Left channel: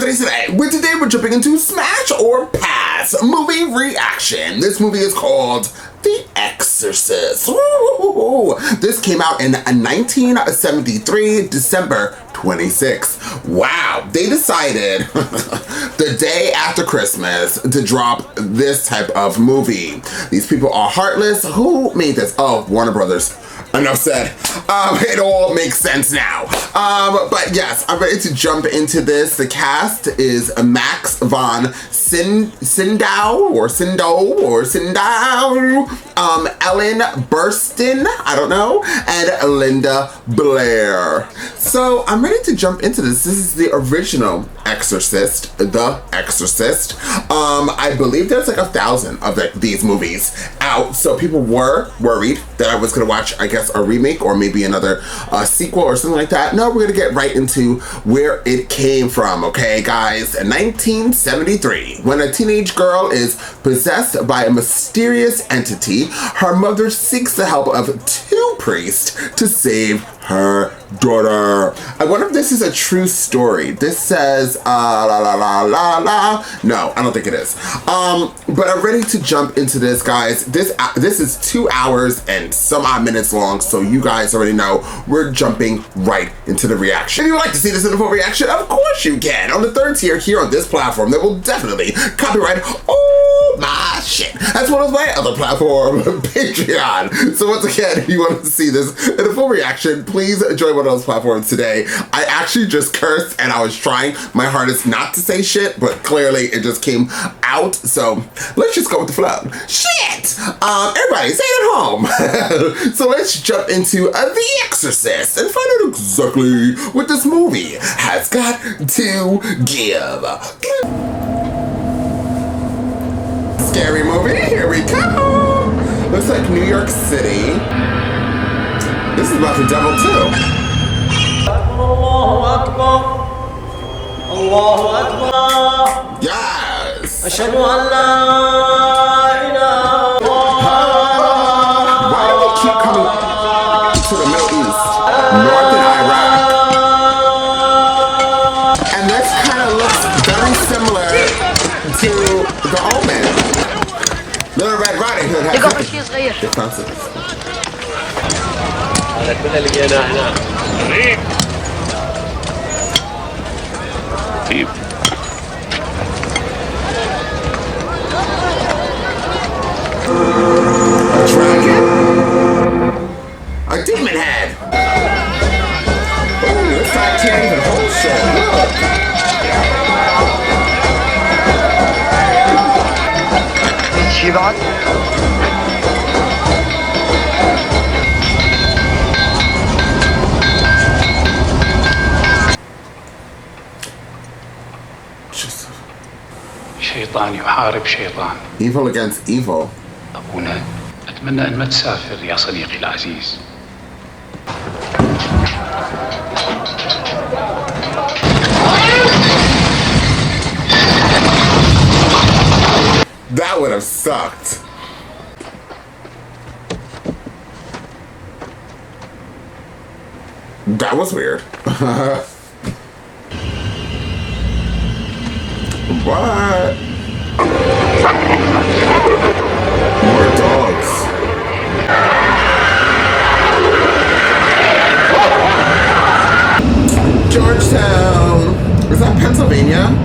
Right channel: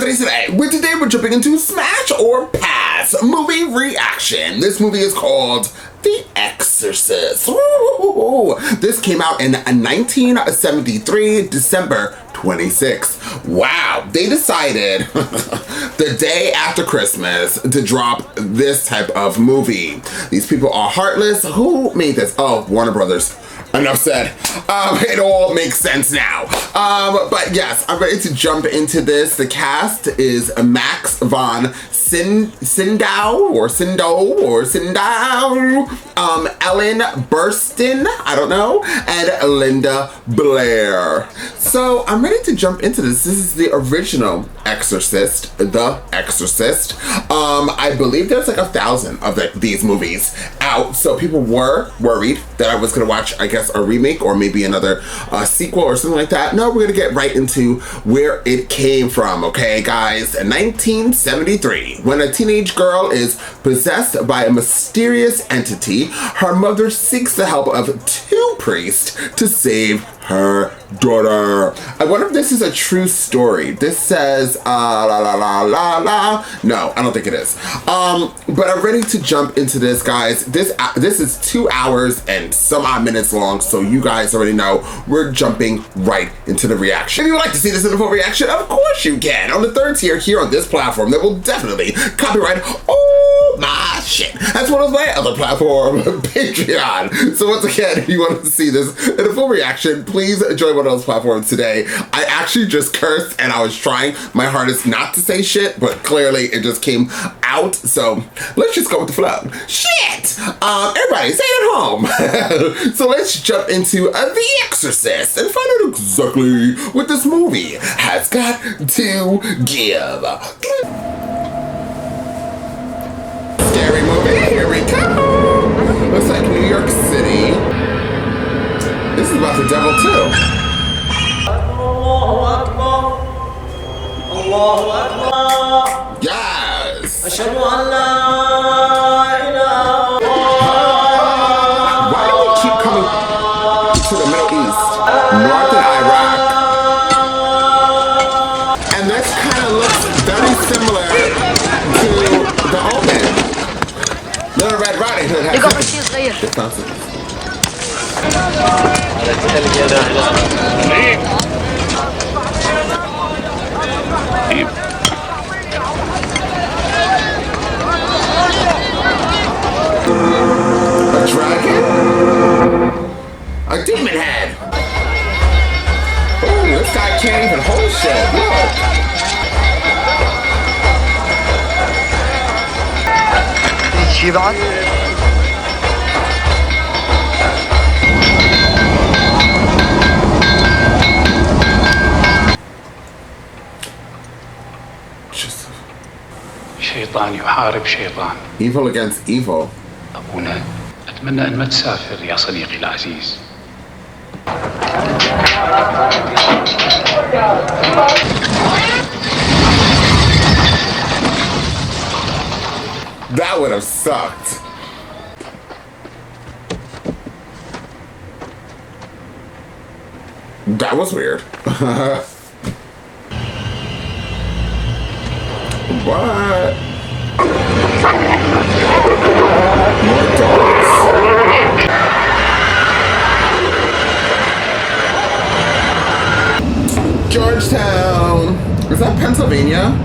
Andres today. Today we're jumping into Smash or Pass movie reaction. This movie is called The Exorcist. Ooh. This came out in 1973, December 26th. Wow, they decided the day after Christmas to drop this type of movie. These people are heartless. Who made this? Oh, Warner Brothers. Enough said. It all makes sense now. But yes, I'm ready to jump into this. The cast is Max von Sydow, Ellen Burstyn, I don't know, and Linda Blair. So I'm ready to jump into this. This is the original Exorcist, The Exorcist. I believe there's like 1,000 of these movies out, so people were worried that I was gonna watch, I guess, a remake or maybe another sequel or something like that. No, we're gonna get right into where it came from, okay, guys? In 1973, when a teenage girl is possessed by a mysterious entity, her mother seeks the help of two priests to save her daughter. I wonder if this is a true story. This says, la la la la la. No, I don't think it is. But I'm ready to jump into this, guys. This is 2 hours and some odd minutes long, so you guys already know we're jumping right into the reaction. If you would like to see this in a full reaction, of course you can. On the third tier here on this platform, that will definitely copyright all my shit, as well as my other platform, Patreon. So once again, if you want to see this in a full reaction, please join one of those platforms today. I actually just cursed and I was trying my hardest not to say shit, but clearly it just came out. So let's just go with the flow. Shit! Everybody, stay at home. So let's jump into The Exorcist and find out exactly what this movie has got to give. Scary movie, here we go. Looks like New York City. This is about the devil too. Allahu Akbar. Allahu Akbar. Yes. Ashhadu an la ilaha illallah. Why do they keep coming to the east? Northern Iraq. And this kind of looks very similar to The Omen. Little Red Riding Hood has differences. هذا كله لقيناه هنا. غريب. طيب. A dragon? A demon head? Oh, it's that King Hope shit. Look. چی بعد؟ شيطان يحارب شيطان. Evil against evil. أبونا أتمنى أن ما تسافر يا صديقي العزيز. That would have sucked. That was weird. What? More dogs. Georgetown. Is that Pennsylvania?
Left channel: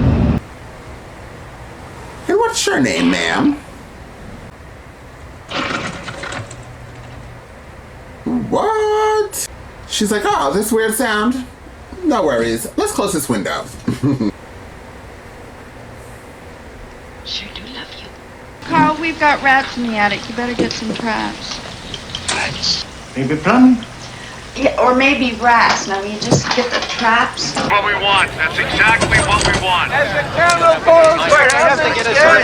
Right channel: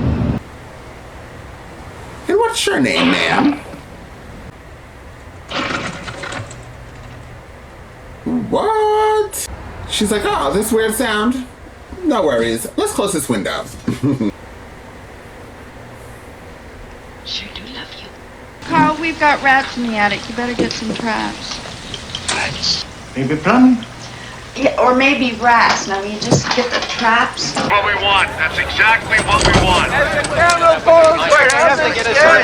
And what's your name, ma'am? What? She's like, oh, this weird sound. No worries. Let's close this window. Sure do love you. Carl, we've got rats in the attic. You better get some traps. Rats. Maybe plumbing. Yeah, or maybe rats. Now, you just get the traps. What we want. That's exactly what we want. Why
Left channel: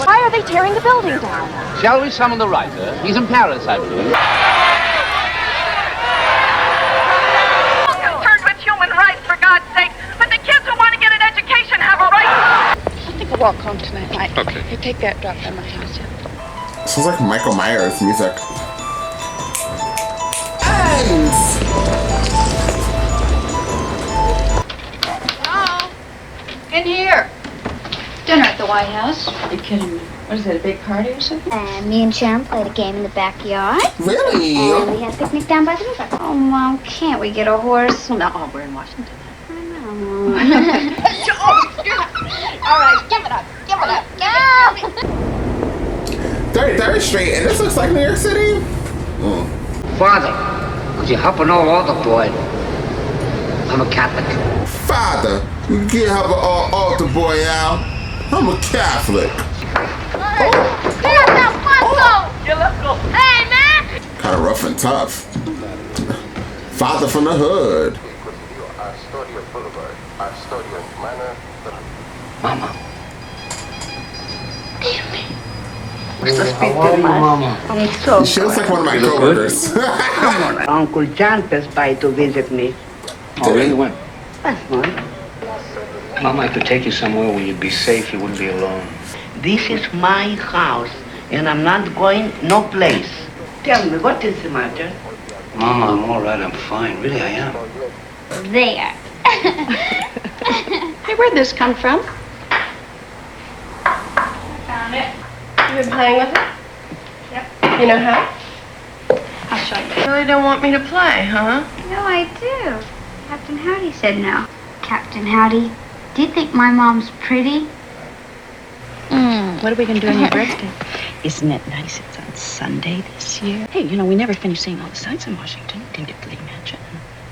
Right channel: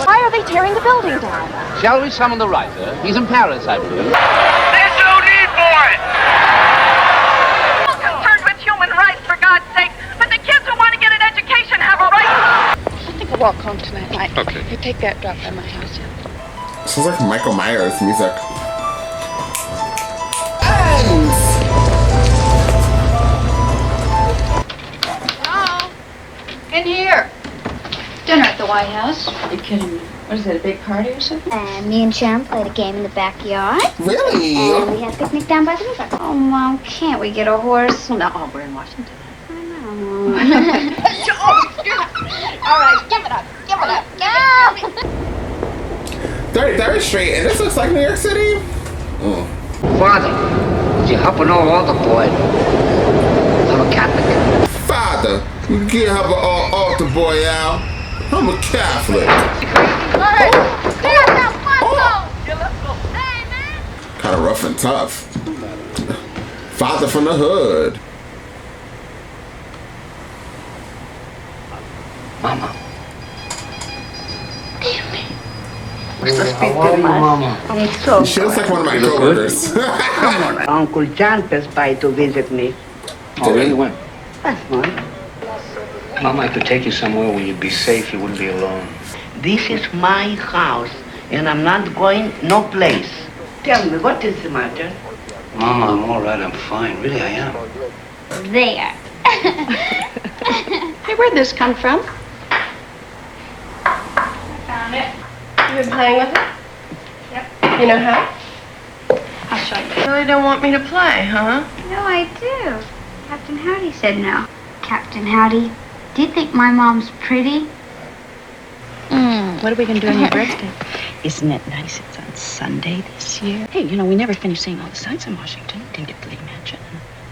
Why are they tearing the building down? Shall we summon the right? These are parasites. There's no need for it. I'm concerned with human rights, for God's sake. But the kids who want to get an education have a right. I think I'll walk home tonight, Mike. Okay. You take that drop by my house. Sounds like Michael Myers music. Ends! Hello? In here. Dinner at the White House. You're kidding me. What is it, a big party or something? And me and Sharon played a game in the backyard. Really? And we had a picnic down by the river. Oh, Mom, can't we get a horse? No, we're in Washington. All right, give it up. Give it up. Give it up. 33rd Street, and this looks like New York City? Father, you happen to know all the boy. I'm a Catholic. Father, you can't have an altar boy out. I'm a Catholic. Hey, man! Kind of rough and tough. Father from the hood. Mama. How are you, Mama? I'm so She looks like one of my coworkers. Come on. Uncle John passed by to visit me. Oh, really would. That's fine. Mama, I could take you somewhere where you'd be safe, you wouldn't be alone. This is my house, and I'm not going no place. Tell me, what is the matter? Mama, I'm all right, I'm fine. Really, I am. There. Hey, where'd this come from? Found it. You've been playing with it? Yep. You know how? I'll show you. You really don't want me to play, huh? No, I do. Captain Howdy said no. Captain Howdy, do you think my mom's pretty? What are we going to do on your birthday? Isn't it nice it's on Sunday this year? Hey, we never can sing all the sights in Washington. We can get the magic.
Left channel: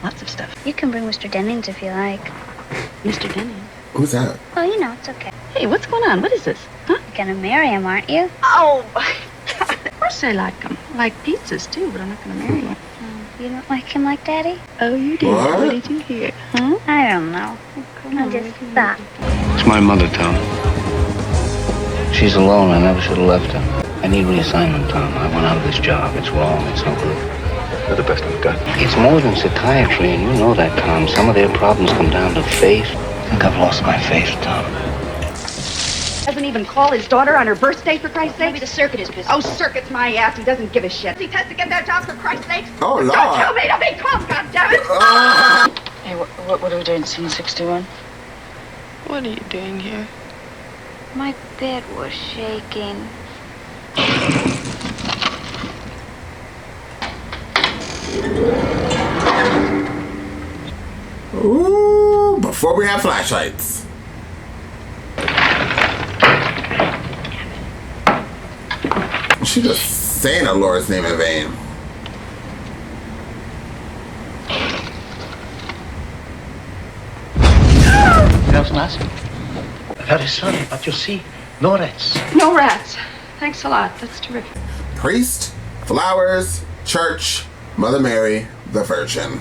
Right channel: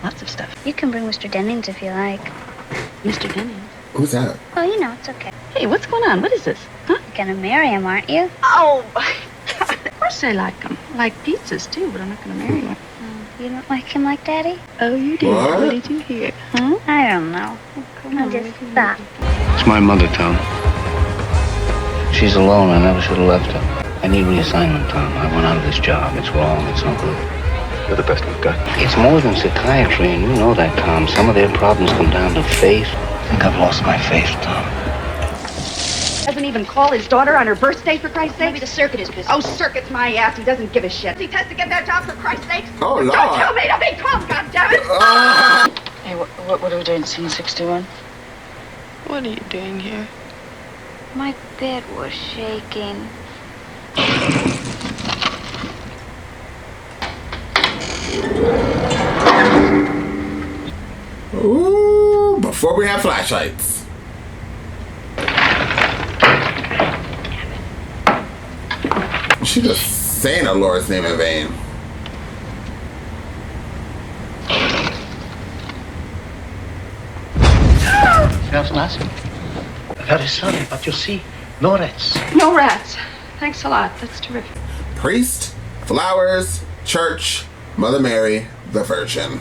Lots of stuff. You can bring Mr. Dennings if you like. Mr. Denny. What's that? Oh, it's okay. Hey, what's going on? What is this? Huh? You're gonna marry him, aren't you? Oh, of course I like them. I like pizzas, too, but I'm not going to marry her. You don't like him like Daddy? Oh, you did. What? What did you hear? I don't know. I just thought. It's my mother, Tom. She's alone. I never should have left her. I need reassignment, Tom. I want out of this job. It's wrong. It's ugly. You're the best I've got. It's more than psychiatry, and you know that, Tom. Some of their problems come down to faith. I think I've lost my faith, Tom. Doesn't even call his daughter on her birthday, for Christ's sake. The circuit is busy. Oh, circuit's my ass. He doesn't give a shit. He tries to get that job, for Christ's sake. Oh, Lord. Don't tell me to be tough, goddammit. Hey, what are we doing? Scene 61? What are you doing here? My bed was shaking. Ooh, before we have flashlights. She just saying the Lord's name in vain. Smells nice. I had a son, but you see, no rats. No rats. Thanks a lot. That's terrific. Priest, flowers, church, Mother Mary, the Virgin.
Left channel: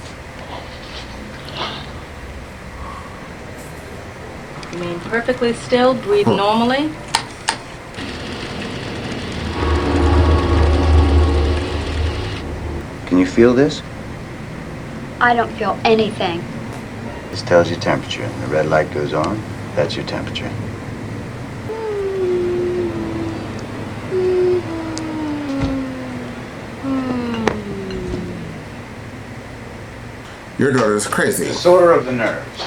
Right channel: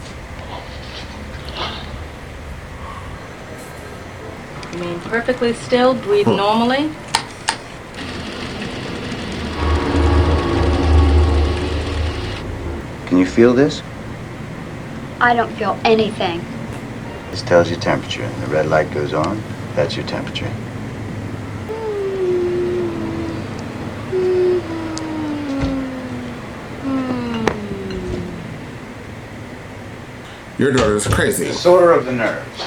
Remain perfectly still, breathe normally. Can you feel this? I don't feel anything. This tells your temperature. And the red light goes on. That's your temperature. Your daughter's crazy. Disorder of the nerves.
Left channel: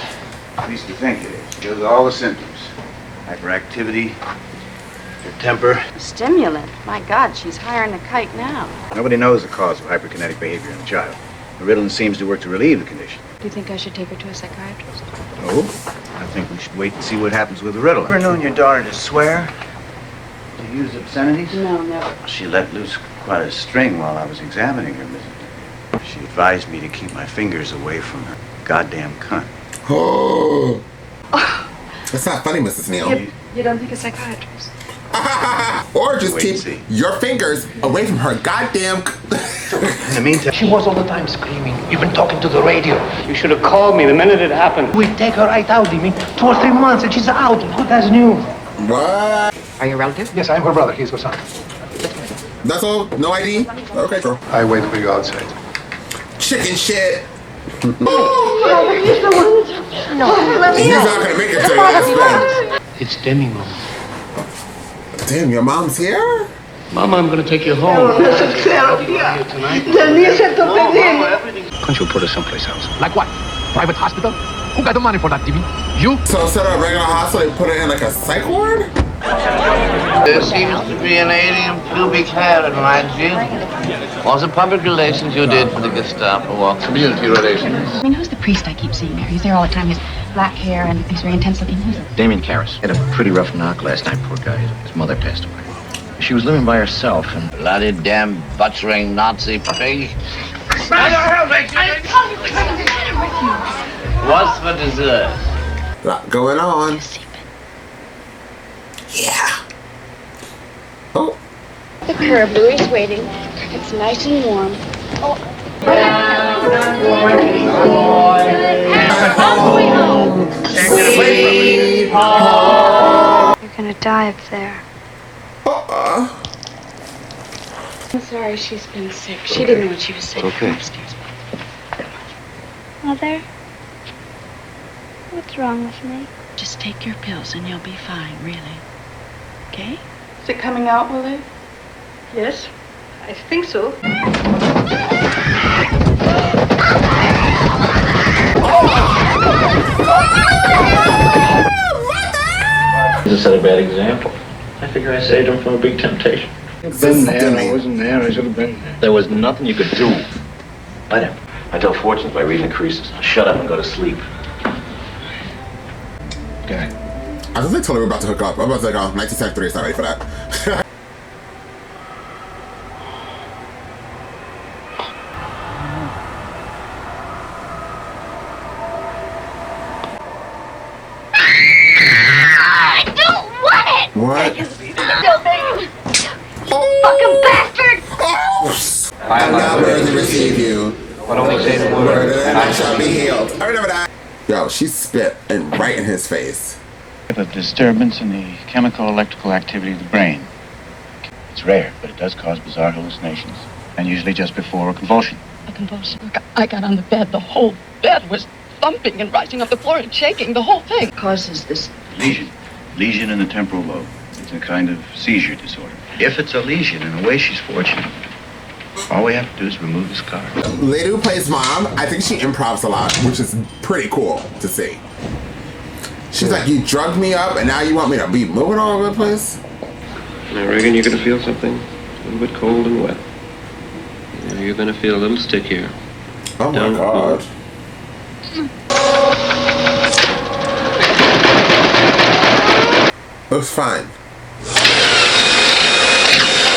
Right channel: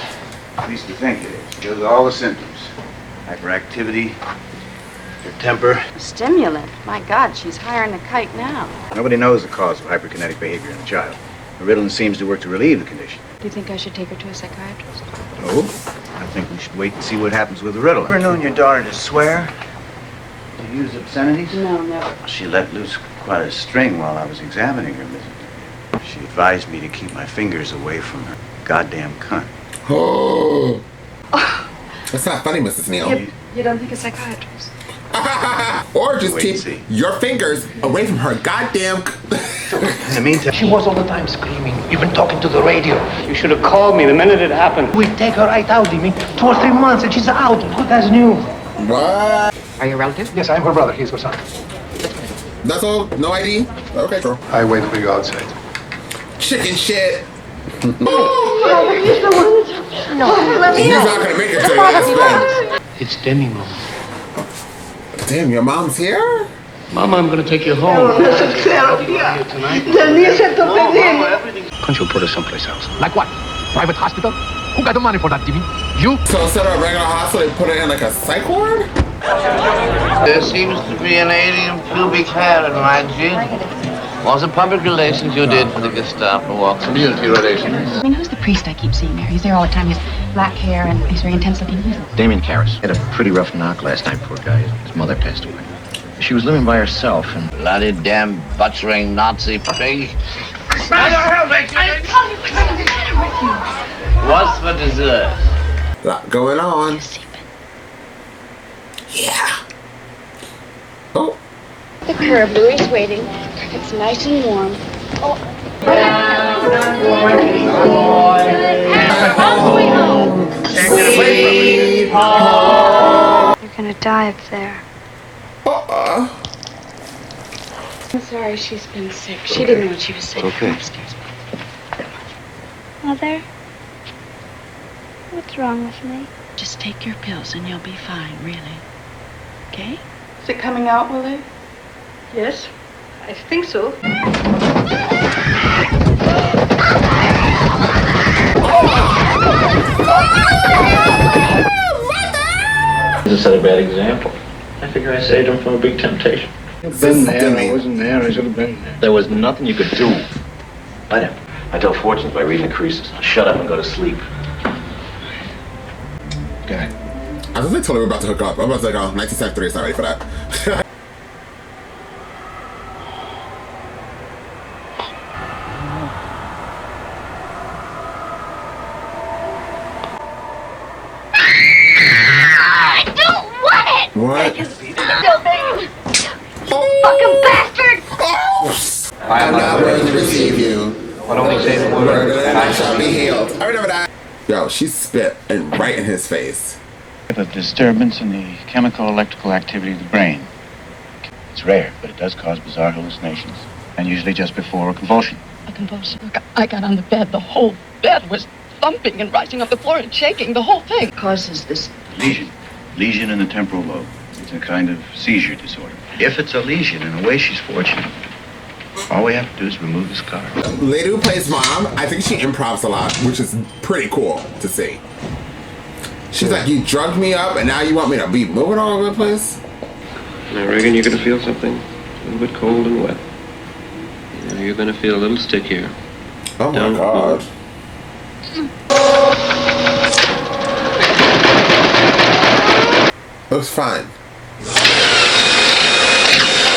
At least we think it is. Shows all the symptoms. Hyperactivity, your temper. Stimulant. My God, she's higher than a kite now. Nobody knows the cause of hyperkinetic behavior in a child. Ritalin seems to work to relieve the condition. Do you think I should take her to a psychiatrist? Oh? I think we should wait and see what happens with the Ritalin. Ever known your daughter to swear? To use obscenities? No, never. She let loose quite a string while I was examining her, Mrs. She advised me to keep my fingers away from her goddamn cunt. Oh. That's not funny, Mrs. Neal. You don't think a psychiatrist? Or just Wait keep and see. your fingers away from her goddamn. In the meantime, She was all the time screaming. You've been talking to the radio. You should have called me the minute it happened. We take her right out, Jimmy. 2 or 3 months and she's out. Good as new. What? Are you a relative? Yes, I'm her brother. He's her son. That's all? No ID? Okay, sure. I wait for you outside. Chicken shit. No, He's not gonna make it to the last bed. It's Demi, Mom. Damn, your mom's here? Mama, I'm gonna take you home. Here tonight. Can't you put her someplace else? Like what? Private hospital? Who got the money for that, Jimmy? You? So instead of a regular hospital, they put it in like a psych ward? There seems to be an alien pubic hair in my gin. Was it public relations you did for the Gestapo walk? Community relations. I mean, who's the priest I keep seeing there? He's there all the time. He has black hair and he's very intensely. Damien Karras. Had a pretty rough knock last time, poor guy. His mother passed away. She was living by herself. Bloody damn butchering Nazi pig. What's for dessert? Lot going on. Yeah. Oh. The curb, Louis waiting. It's nice and warm. Oh. You're gonna die up there. I'm sorry she's been sick. She didn't know what she was saying. Okay. Come upstairs. Mother? What's wrong with me? Just take your pills and you'll be fine, really. Okay? Is it coming out, Willie? Yes, I think so. This set a bad example. I figure I saved him from a big temptation. I've been there, I wasn't there, I should have been there. There was nothing you could do. Let him. I tell fortunes by reading creases. Shut up and go to sleep. Okay. I was like totally about to hook up. I was like, oh, 1973 is not ready for that. Fucking bastard! I'm not ready to receive you. Shall be healed. Yo, she spit and right in his face. A disturbance in the chemical electrical activity of the brain. It's rare, but it does cause bizarre hallucinations, and usually just before a convulsion. A convulsion. I got on the bed. The whole bed was thumping and rising off the floor and shaking. The whole thing. Causes this Lesion. Lesion in the temporal lobe. It's a kind of seizure disorder. If it's a lesion, in a way she's fortunate. All we have to do is remove the scar. The lady who plays mom, I think she improvs a lot, which is pretty cool to see. She's like, you drugged me up and now you want me to be moving all over the place? I reckon you're going to feel something a little bit cold and wet. You know, you're going to feel a little stickier. Oh my God. Looks fine.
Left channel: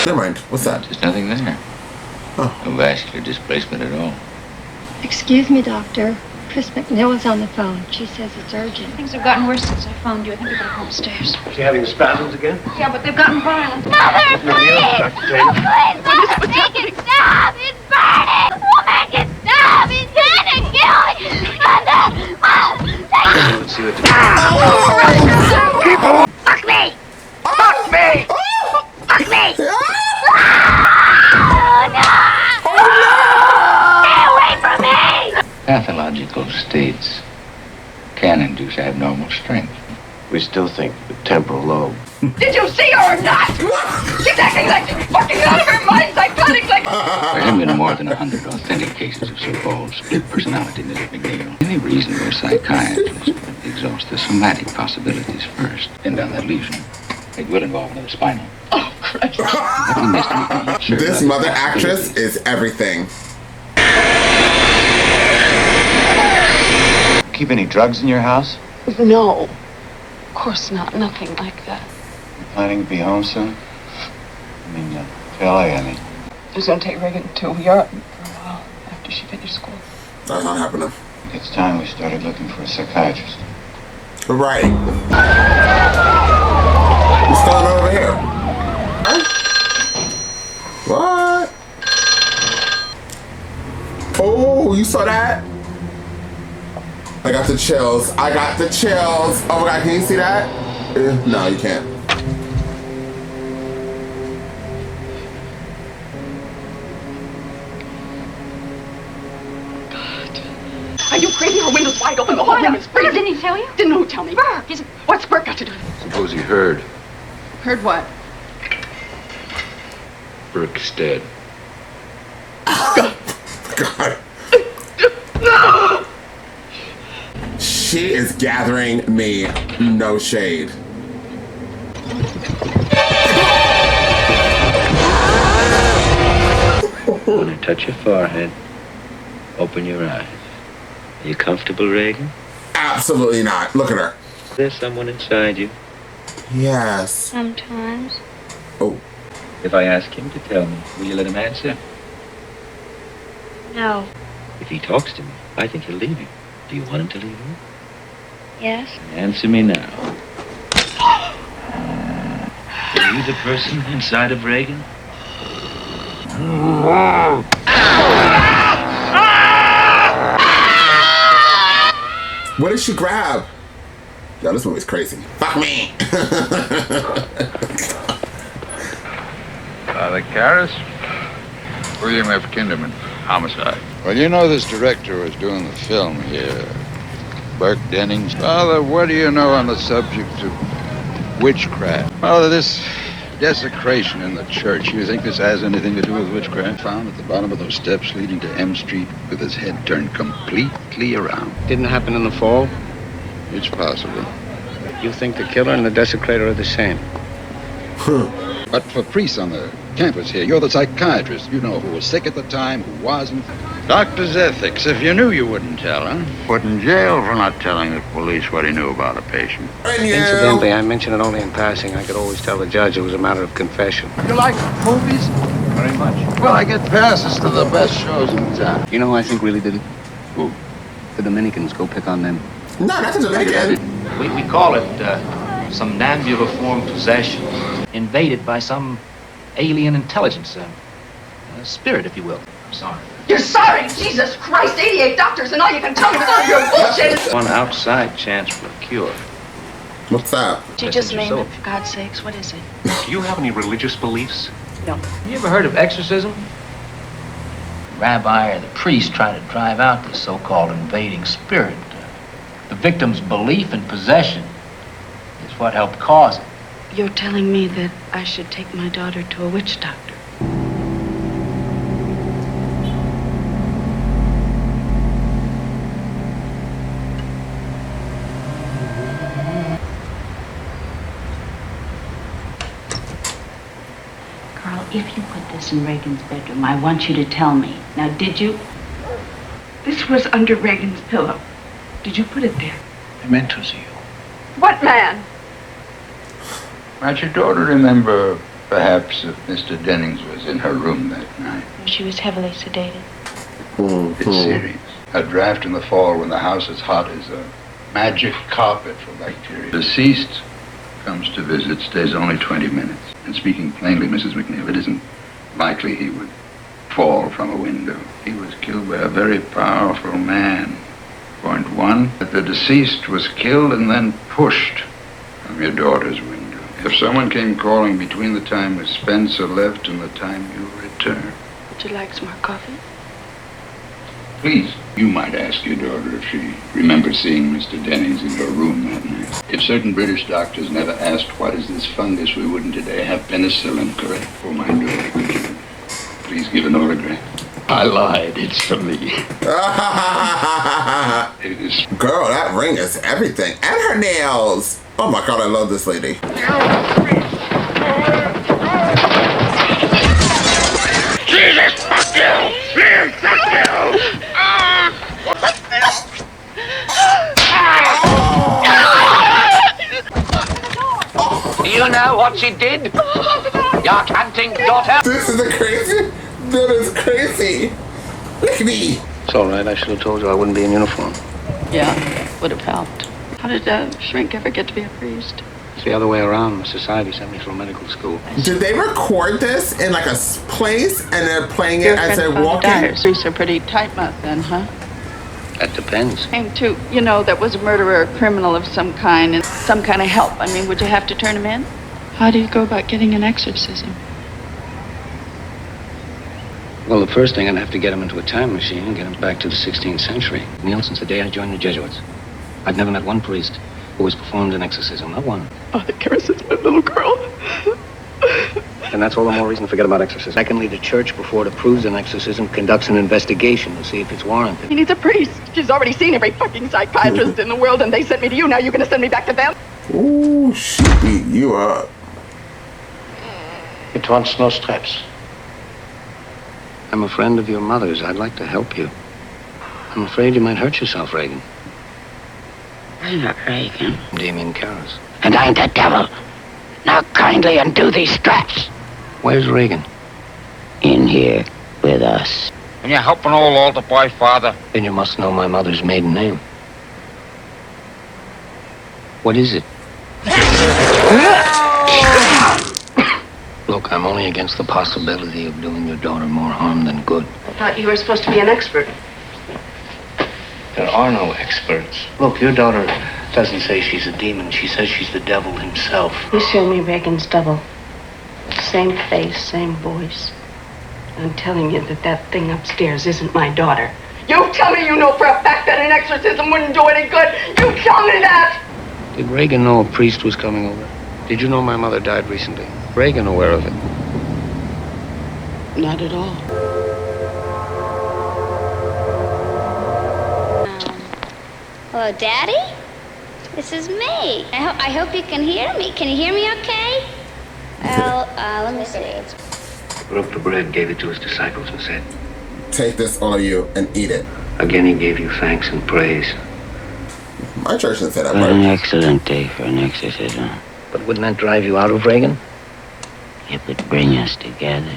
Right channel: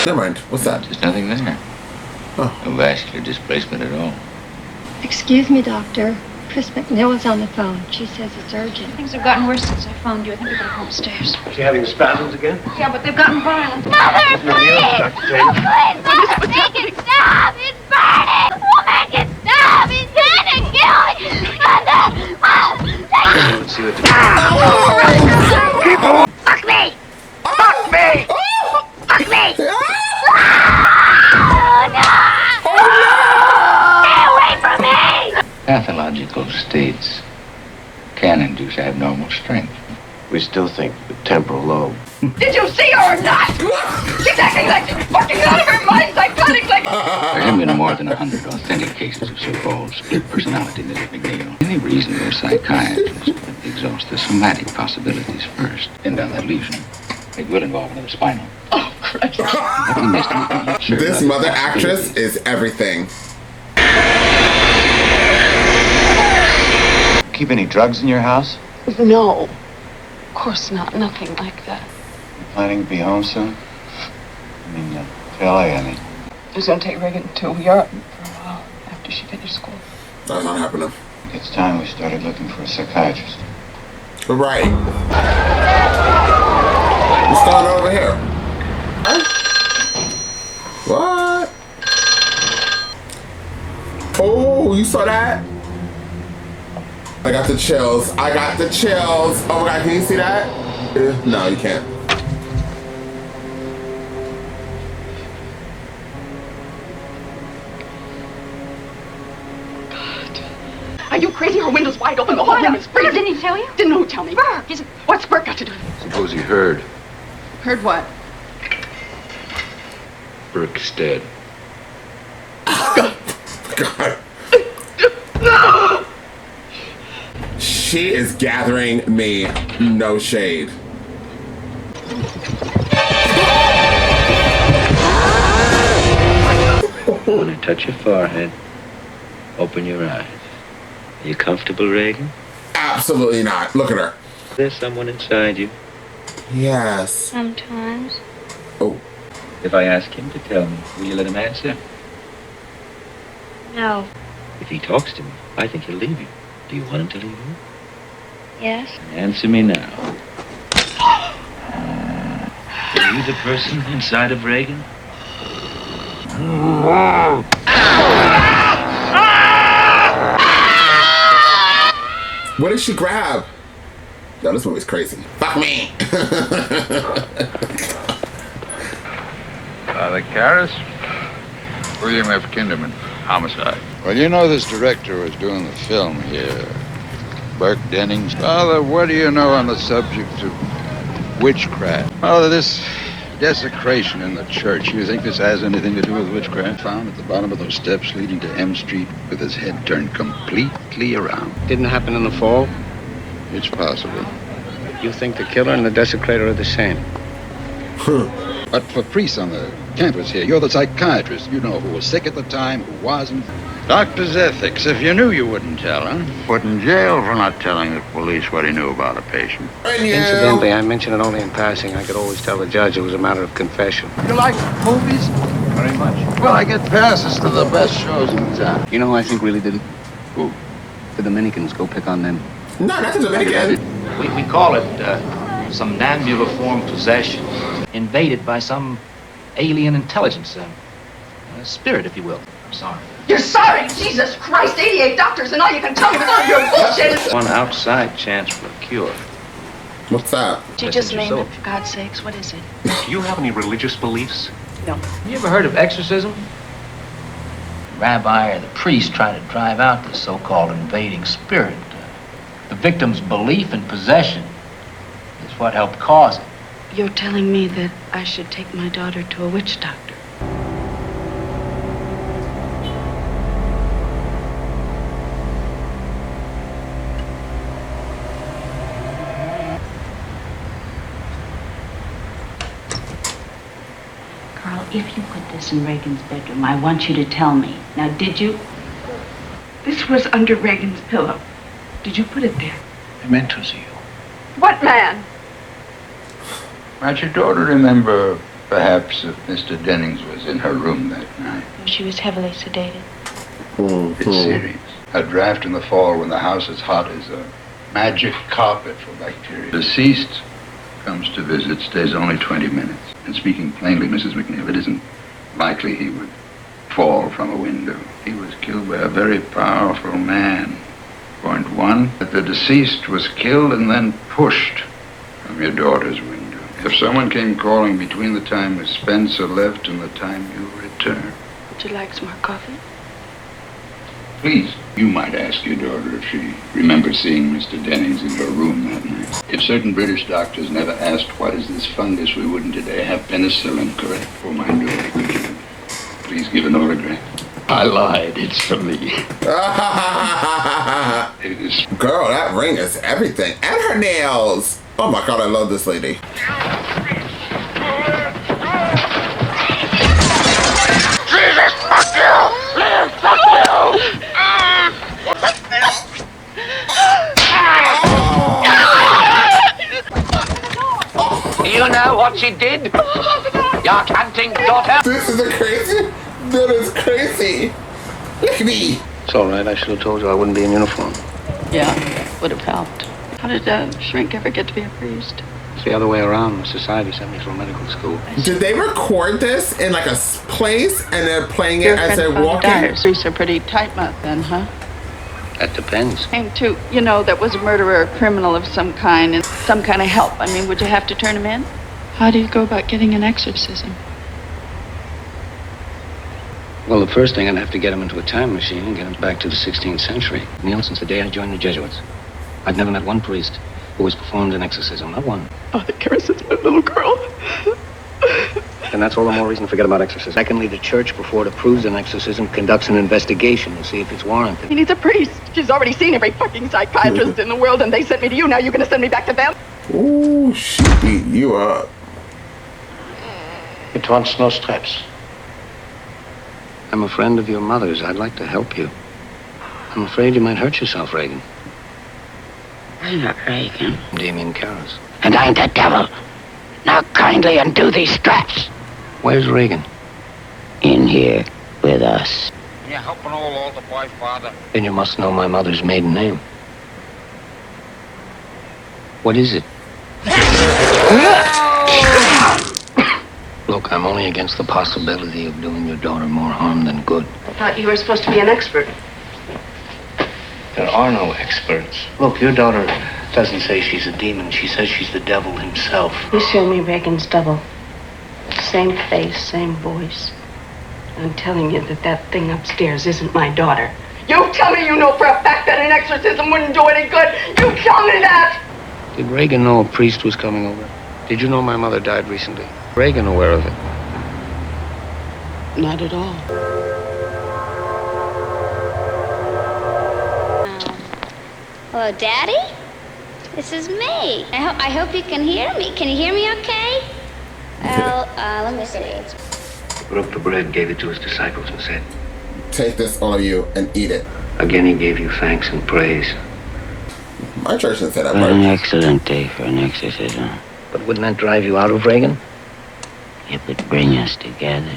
Never mind. What's that? There's nothing there. Oh. No vascular displacement at all. Excuse me, Doctor. Chris McNeil's on the phone. She says it's urgent. Things have gotten worse since I phoned you. I think we better go upstairs. Is she having spasms again? Yeah, but they've gotten violent. Mother, please! Please, Mother, make it stop! It's me! We'll make it stop! He's dead and killing! Mother! Let's see what Fuck me! Fuck me! Fuck me! Stay away from me! Pathological states can induce abnormal strength. We still think the temporal lobe. Did you see her or not? She's acting like she's fucking out of her mind psychotically! There have been more than 100 authentic cases of so-called split personalities. Any reasonable psychiatrist would exhaust the somatic possibilities first, and then the lesion. It would involve no spinal. Oh, Christ. This mother actress is everything. Keep any drugs in your house? No. Of course not. Nothing like that. You planning to be home soon? To LA, I mean. It was going to take Reagan until we are after she finished school. That's not happening. It's time we started looking for a psychiatrist. Right. What's going on over here? Huh? What? Oh, you saw that? I got the chills. I got the chills. Oh my God, can you see that? No, you can't. Are you crazy? Her window's wide open. The whole room is freezing. Didn't he tell you? Didn't tell me. Burr. What's Burr got to do with it? Suppose he heard. Heard what? Burke's dead. God. She is gathering me no shade. When I touch your forehead, open your eyes. Are you comfortable, Reagan? Absolutely not. Look at her. There's someone inside you. Yes. Sometimes. Oh. If I ask him to tell me, will you let him answer? No. If he talks to me, I think he'll leave you. Do you want him to leave you? Yes. Answer me now. Are you the person inside of Reagan? What did she grab? Yo, this movie's crazy. Fuck me. Father Karras? William F. Kinderman, homicide. Well, you know this director was doing the film here, Burke Dennings. Father, what do you know on the subject of witchcraft? Oh, this desecration in the church. You think this has anything to do with witchcraft? Found at the bottom of those steps leading to M Street with his head turned completely around. Didn't happen in the fall? It's possible. You think the killer and the desecrator are the same? But for priests on the campus here, you're the psychiatrist. You know who was sick at the time, who wasn't. Doctor's ethics. If you knew, you wouldn't tell, huh? Put in jail for not telling the police what he knew about a patient. Incidentally, I mentioned it only in passing. I could always tell the judge it was a matter of confession. You like movies? Very much. Well, I get passes to the best shows in town. You know who I think really did it? The Dominicans. Go pick on them. No, that's a Dominican. We call it somnambuliform possession. Invaded by some alien intelligence. A spirit, if you will. You're sorry, Jesus Christ! 88 doctors and all you can tell me with all your bullshit. One outside chance for a cure. What's that? She just named it, for God's sakes. What is it? Do you have any religious beliefs? No. You ever heard of exorcism? The rabbi or the priest trying to drive out this so-called invading spirit. The victim's belief in possession is what helped cause it. You're telling me that I should take my daughter to a witch doctor? Carl, if you put this in Reagan's bedroom, I want you to tell me. Now, did you? This was under Reagan's pillow. Did you put it there? I meant to see you. What man? Might your daughter remember, perhaps, if Mr. Dennings was in her room that night? She was heavily sedated. It's serious. A draft in the fall when the house is hot as a magic carpet for bacteria. Deceased comes to visit, stays only 20 minutes. And speaking plainly, Mrs. McNabb, it isn't likely he would fall from a window. He was killed by a very powerful man. Point one, that the deceased was killed and then pushed from your daughter's window. If someone came calling between the time Miss Spencer left and the time you returned. Would you like some more coffee? Please, you might ask your daughter if she remembers seeing Mr. Dennings in her room that night. If certain British doctors never asked what is this fungus we wouldn't today have penicillin, correct? Oh, my daughter, could you please give an autograph? I lied, it's for me. It is. Girl, that ring is everything. And her nails. Oh my God, I love this lady. Jesus, fuck you! Man, fuck you! You know what she did? Your hunting daughter. This is crazy. That is crazy. Look at me. It's all right. I should have told you I wouldn't be in uniform. Yeah, would have helped. How did Frank ever get to be a priest? It's the other way around. Society sent me through medical school. Did they record this in like a place and they're playing it as they're walking? Priests are pretty tight-mouthed then, huh? That depends. Came to, that was a murderer or criminal of some kind and some kind of help. I mean, would you have to turn him in? How do you go about getting an exorcism? Well, the first thing, I'd have to get him into a time machine and get him back to the 16th century. Since the day I joined the Jesuits, I've never met one priest who has performed an exorcism. Not one. Father Karras, it's my little girl. And that's all the more reason to forget about exorcism. Secondly, the church, before it approves an exorcism, conducts an investigation to see if it's warranted. He needs a priest. She's already seen every fucking psychiatrist in the world, and they sent me to you. Now you're gonna send me back to them? Ooh, she beat you up. It wants no stress. I'm a friend of your mother's. I'd like to help you. I'm afraid you might hurt yourself, Reagan. I'm not Reagan. I'm Damien Karras. And I'm the devil. Now kindly undo these straps. Where's Reagan? In here with us. And you're helping old altar boy, Father. Then you must know my mother's maiden name. What is it? Look, I'm only against the possibility of doing your daughter more harm than good. I thought you were supposed to be an expert. There are no experts. Look, your daughter doesn't say she's a demon. She says she's the devil himself. You show me Reagan's double. Same face, same voice. I'm telling you that thing upstairs isn't my daughter. You tell me you know for a fact that an exorcism wouldn't do any good. You tell me that! Did Reagan know a priest was coming over? Did you know my mother died recently? Reagan aware of it? Not at all. Hello, Daddy? This is me. I hope you can hear me. Can you hear me okay? Well, let me see. He broke the bread, gave it to his disciples, and said, Take this, all of you, and eat it. Again, he gave you thanks and praise. My church didn't say that What part. an excellent day for an exorcism. But wouldn't that drive you out of Reagan? It would bring us together.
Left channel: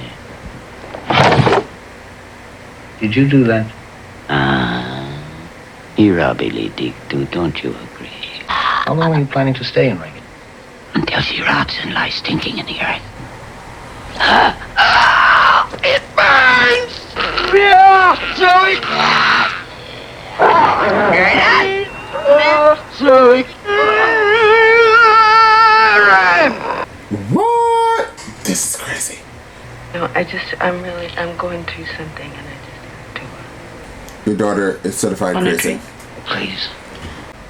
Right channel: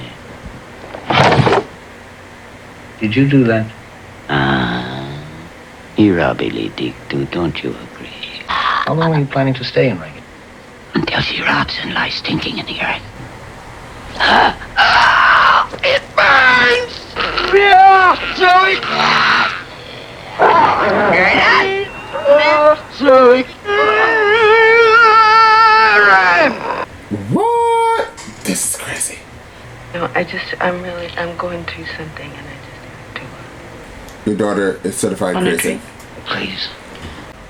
Did you do that? You really dig too, don't you agree? How long are you planning to stay in Reagan? Until she rots and lies stinking in the earth. It burns! Yeah, Zoe! Zoe! What? This is crazy. No, I'm going through something, and I just have to. Your daughter is certified crazy. Please.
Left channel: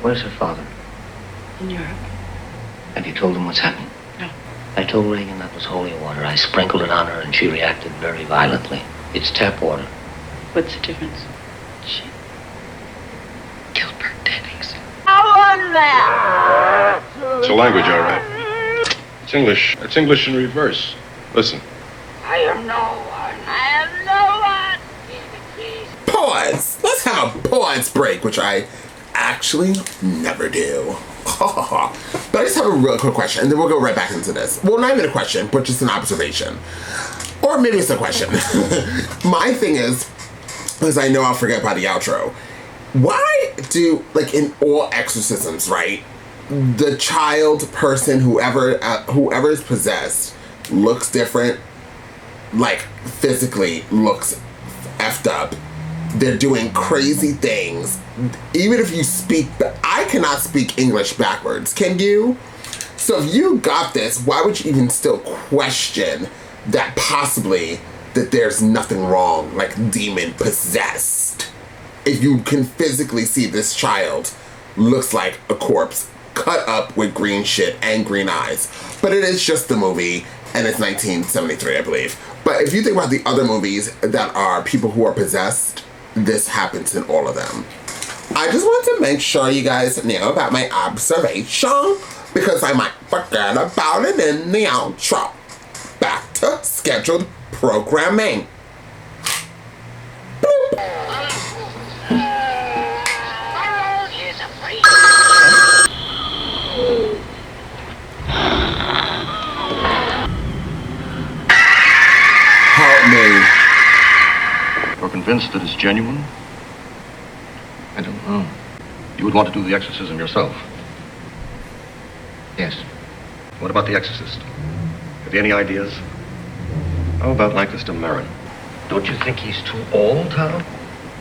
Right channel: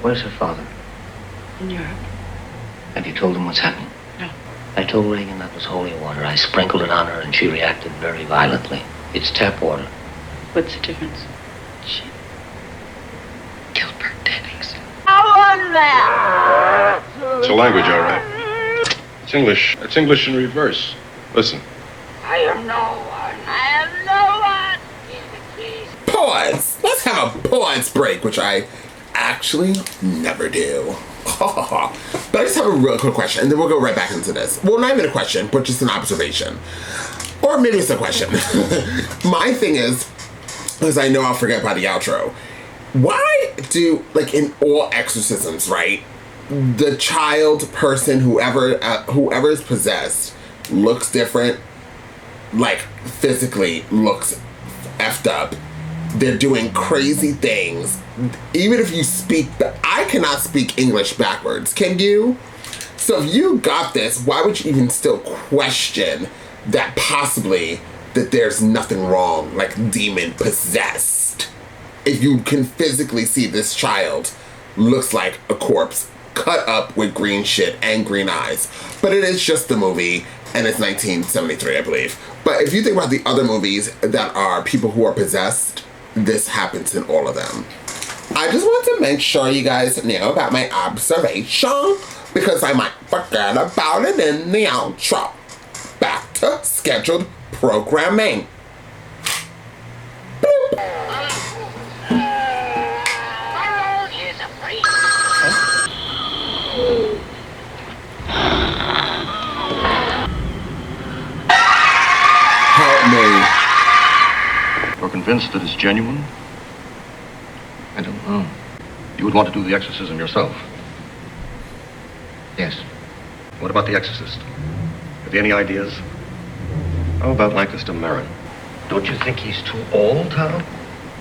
Where's her father? Yeah. Have you told him what's happened? No. I told Reagan that was holy water. I sprinkled it on her, and she reacted very violently. It's tap water. What's the difference? She killed Bert Dennings. I want that! It's a language, all right. It's English. It's English in reverse. Listen. I am no one. I am no one. Pause. Let's have a pause break, which I actually never do. But I just have a real quick question, and then we'll go right back into this. Well, not even a question, but just an observation. Or maybe it's a question. My thing is I know I'll forget by the outro. Why do, like in all exorcisms, right, the child, person, whoever is possessed looks different, like physically looks effed up. They're doing crazy things. Even if you speak, I cannot speak English backwards. Can you? So if you got this, why would you even still question that possibly that there's nothing wrong, like demon possessed? If you can physically see this child looks like a corpse cut up with green shit and green eyes. But it is just the movie, and it's 1973, I believe. But if you think about the other movies that are people who are possessed, this happens in all of them. I just want to make sure you guys know about my observation, because I might forget about it in the outro. Back to scheduled programming. Help me. You're convinced that it's genuine? I don't know. You would want to do the exorcism yourself? Yes. What about the exorcist? Have you any ideas? How about Micah's to marry him? Don't you think he's too old, Tom?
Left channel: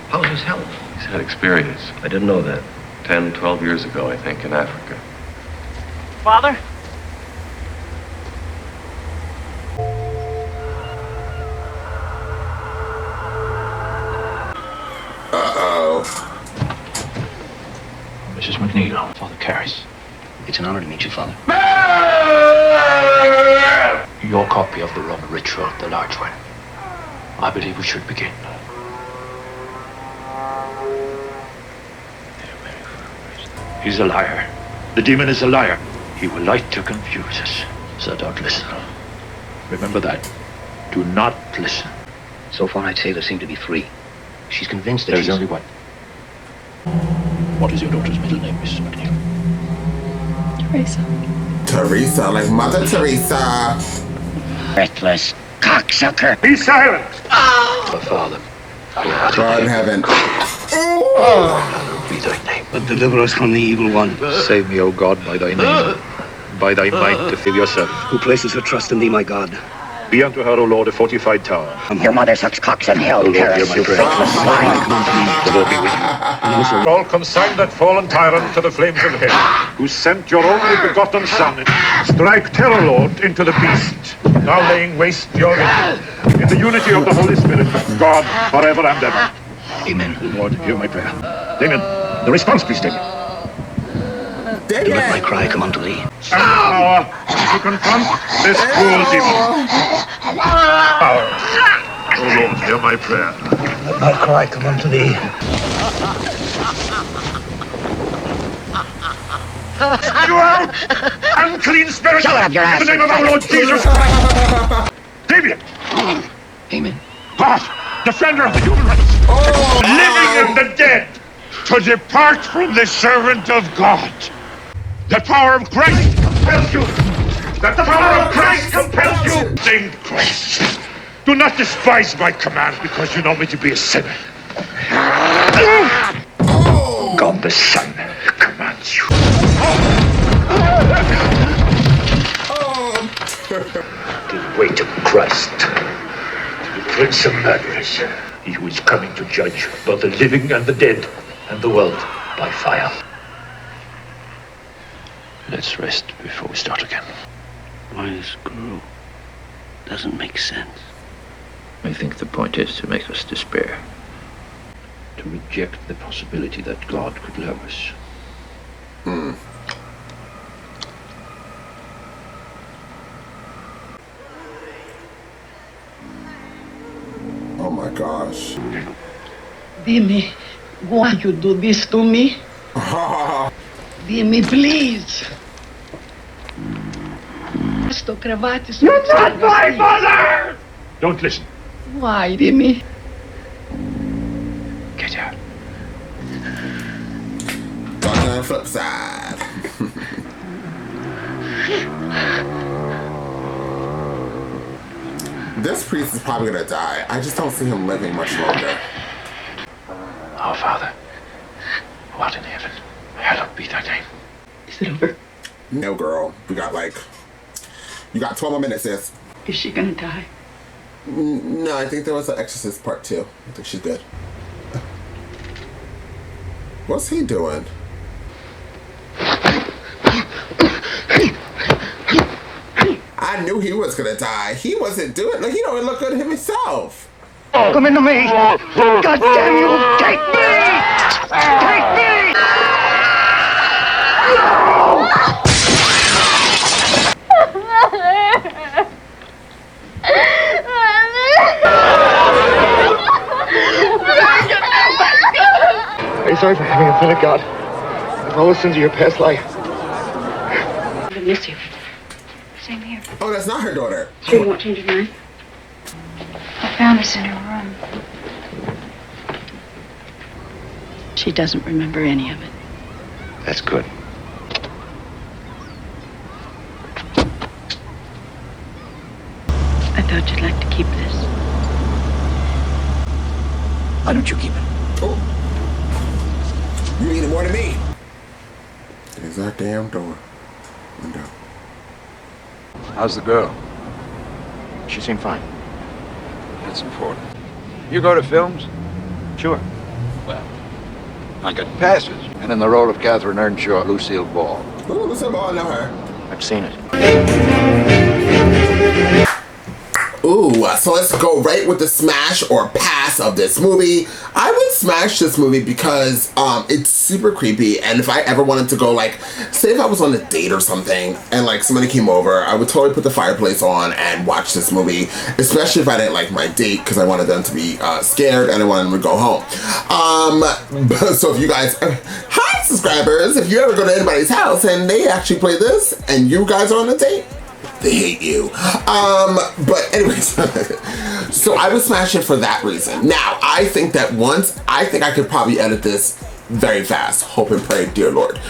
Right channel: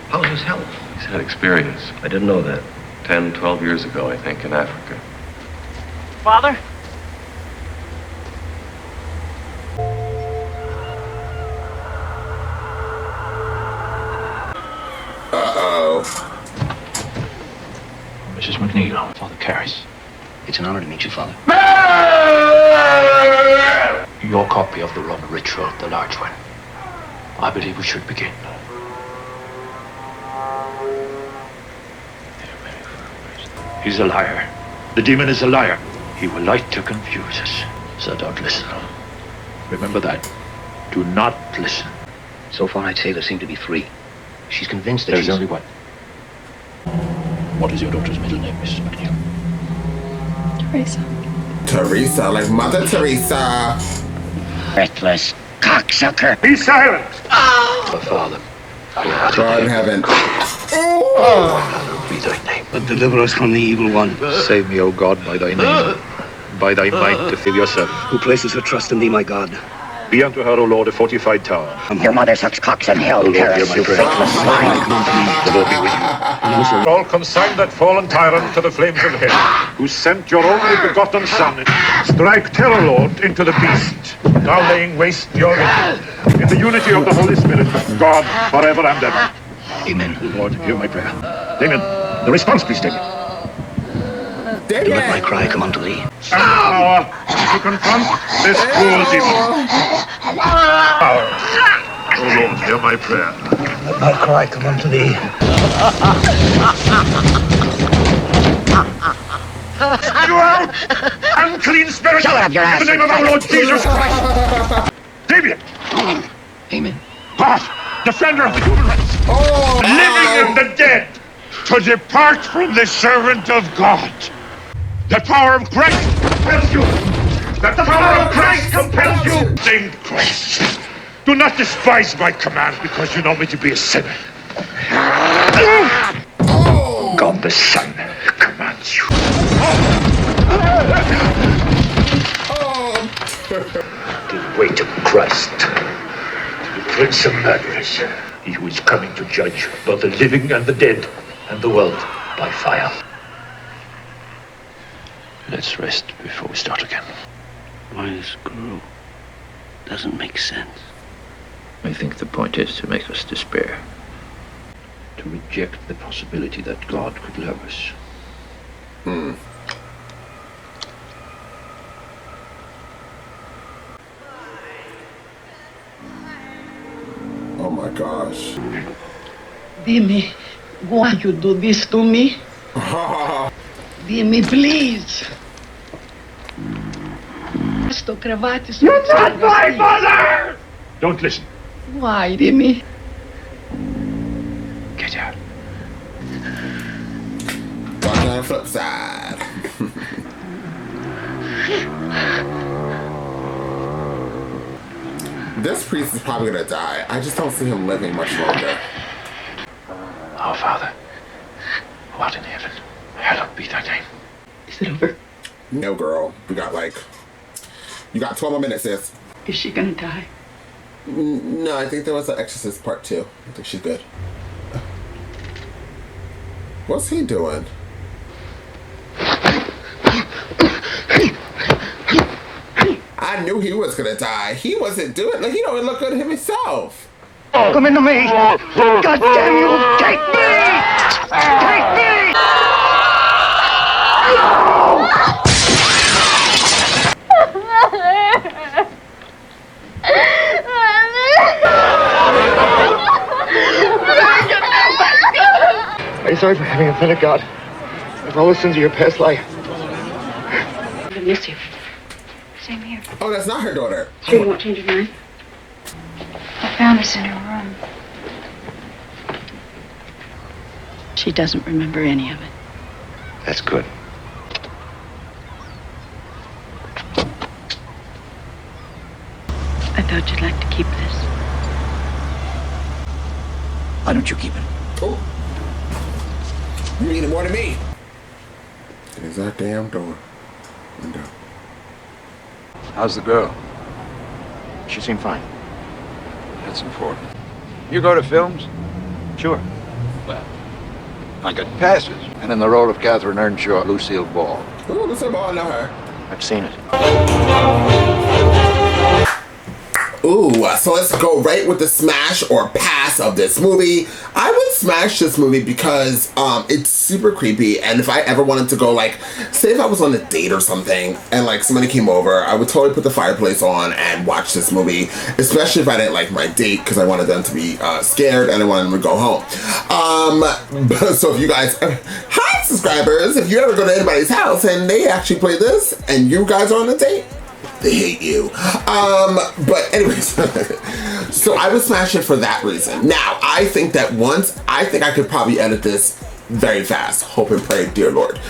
How's his health? He's had experience. I didn't know that. 10, 12 years ago, I think, in Africa. Father? Mrs. McNeil, Father Karras. It's an honor to meet you, Father. your copy of the Roman ritual, the large one. I believe we should begin. He's a liar. The demon is a liar. He will like to confuse us. So don't listen. Remember that. Do not listen. So far, I'd say there seem to be three. She's convinced that There's only one. What is your daughter's middle name, Mrs. McNeil? Teresa. Teresa, like Mother Teresa. Reckless cocksucker. Be silent! Oh. Father. God in heaven. Hallowed be thy name. But deliver us from the evil one. Save me, O God, by thy name. By thy might to save yourself. Who places her trust in thee, my God? Be unto her, O Lord, a fortified tower. From your mother such cocks in hell. Curse you, reckless swine. Come unto me. The Lord be with you. All consign that fallen tyrant to the flames of hell, who sent your own begotten son, strike terror, Lord, into the beast, thou laying waste the altar. In the unity of the Holy Spirit, God, forever and ever. Amen. Lord, hear my prayer. Amen. The response, Christine. Let my cry come unto thee. And power to confront this cruel demon. Power. O Lord, hear my prayer. Let my cry come unto thee. Unclean spirit! In the name of the Lord Jesus Christ! Damien! Amen. God, defender of the human race! Living and the dead, to depart from the servant of God. The power of grace compels you! That the power of grace compels you! Sing Christ! Do not despise my command because you know me to be a sinner. God the Son commands you. Give way to Christ, the Prince of Murderers, he who is coming to judge both the living and the dead, and the world by fire. Let's rest before we start again. Why this girl doesn't make sense. I think the point is to make us despair. To reject the possibility that God would love us. Oh my gosh. Dime, why you do this to me? Dime, please. You're not my mother! Don't listen. Why, Dime? Get out. Watch on the flip side. This priest is probably gonna die. I just don't see him living much longer. Our Father, who art in heaven, hallowed be thy name. No, girl. You got 12 more minutes, sis. Is she gonna die? No, I think there was an Exorcist part 2. I think she did. What's he doing? I knew he was gonna die. He wasn't doing like he don't even look good himself. Come into me! God damn you! Take me! Take me! Are you sorry for having offended God? I've always sins of your past life. I miss you. Same here. Oh, that's not her daughter. She won't turn tonight. I found this in her room. She doesn't remember any of it. That's good. I thought you'd like to keep this. Why don't you keep it? Oh. You need more than me. There's our damn door. Window. How's the girl? She seemed fine. That's important. You go to films? Sure. Well, I got passes. And in the role of Catherine Earnshaw, Lucille Ball. Oh, Lucille Ball, I know her. I've seen it. Ooh, so let's go right with the smash or pass of this movie. I would smash this movie because it's super creepy, and if I ever wanted to go, like, say if I was on a date or something and like somebody came over, I would totally put the fireplace on and watch this movie, especially if I didn't like my date, because I wanted them to be scared and I wanted them to go home. So if you guys, hi subscribers, if you ever go to anybody's house and they actually play this and you guys are on a date, they hate you. But anyways, so I would smash it for that reason. Now, I think that I think I could probably edit this very fast. Hope and pray, dear Lord.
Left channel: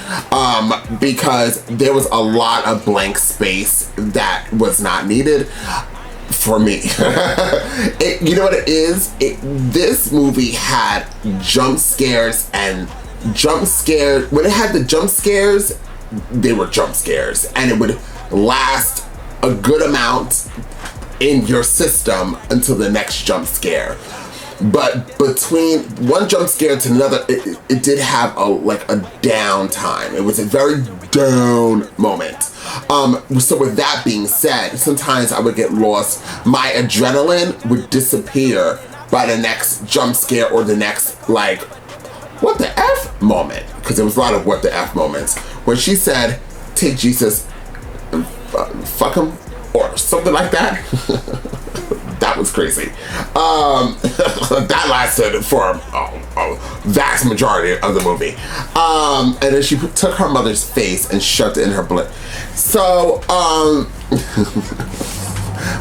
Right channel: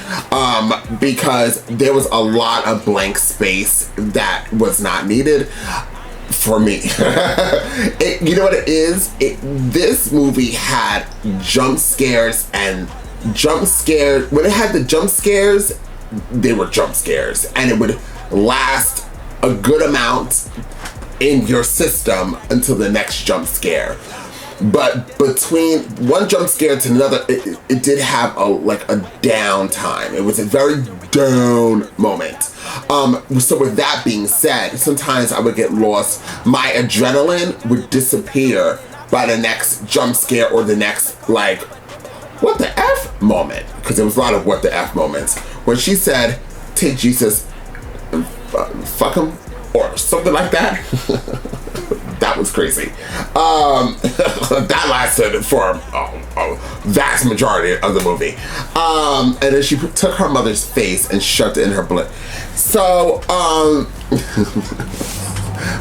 Because there was a lot of blank space that was not needed for me. You know what it is? This movie had jump scares and jump scares. When it had the jump scares, they were jump scares. And it would last a good amount in your system until the next jump scare. But between one jump scare to another, it did have a down time. It was a very down moment. So with that being said, sometimes I would get lost. My adrenaline would disappear by the next jump scare or the next, like, what the F moment. Because there was a lot of what the F moments. When she said, take Jesus and fuck him, or something like that. That was crazy. That lasted for a vast majority of the movie. And then she took her mother's face and shoved it in her blood. So,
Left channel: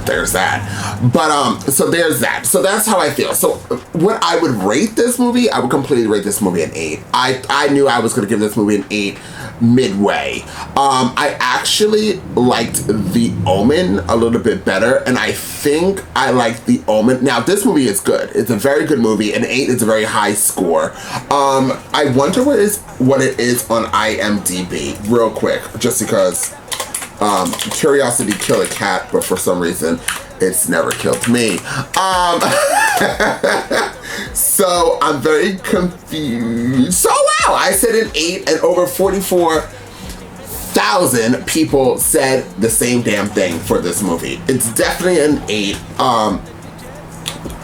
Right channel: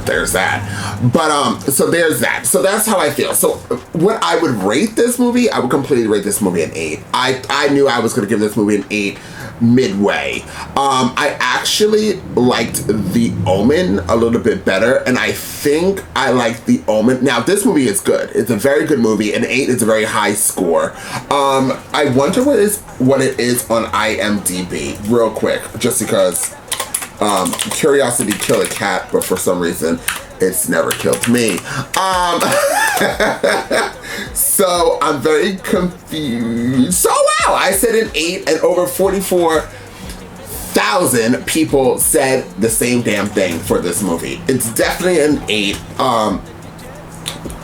there's that. But, so there's that. So that's how I feel. So what I would rate this movie, I would completely rate this movie an 8. I knew I was going to give this movie an 8 midway. I actually liked The Omen a little bit better, and I think I liked The Omen. Now, this movie is good. It's a very good movie. An 8 is a very high score. I wonder what it is on IMDb, real quick, just because curiosity killed a cat, but for some reason, it's never killed me. So I'm very confused. So wow, I said an 8 and over 44,000 people said the same damn thing for this movie. It's definitely an 8.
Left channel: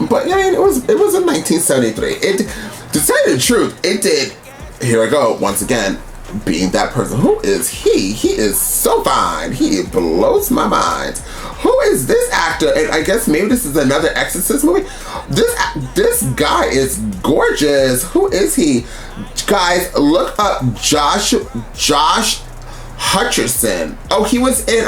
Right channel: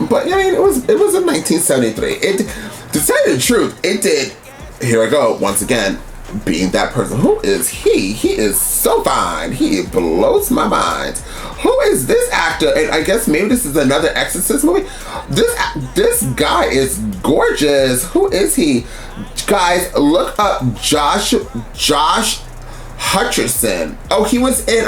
But I mean, it was in 1973. To tell you the truth, it did. Here I go once again. Being that person. Who is he? He is so fine. He blows my mind. Who is this actor? And I guess maybe this is another Exorcist movie. This guy is gorgeous. Who is he? Guys, look up Josh Hutcherson. Oh, he was in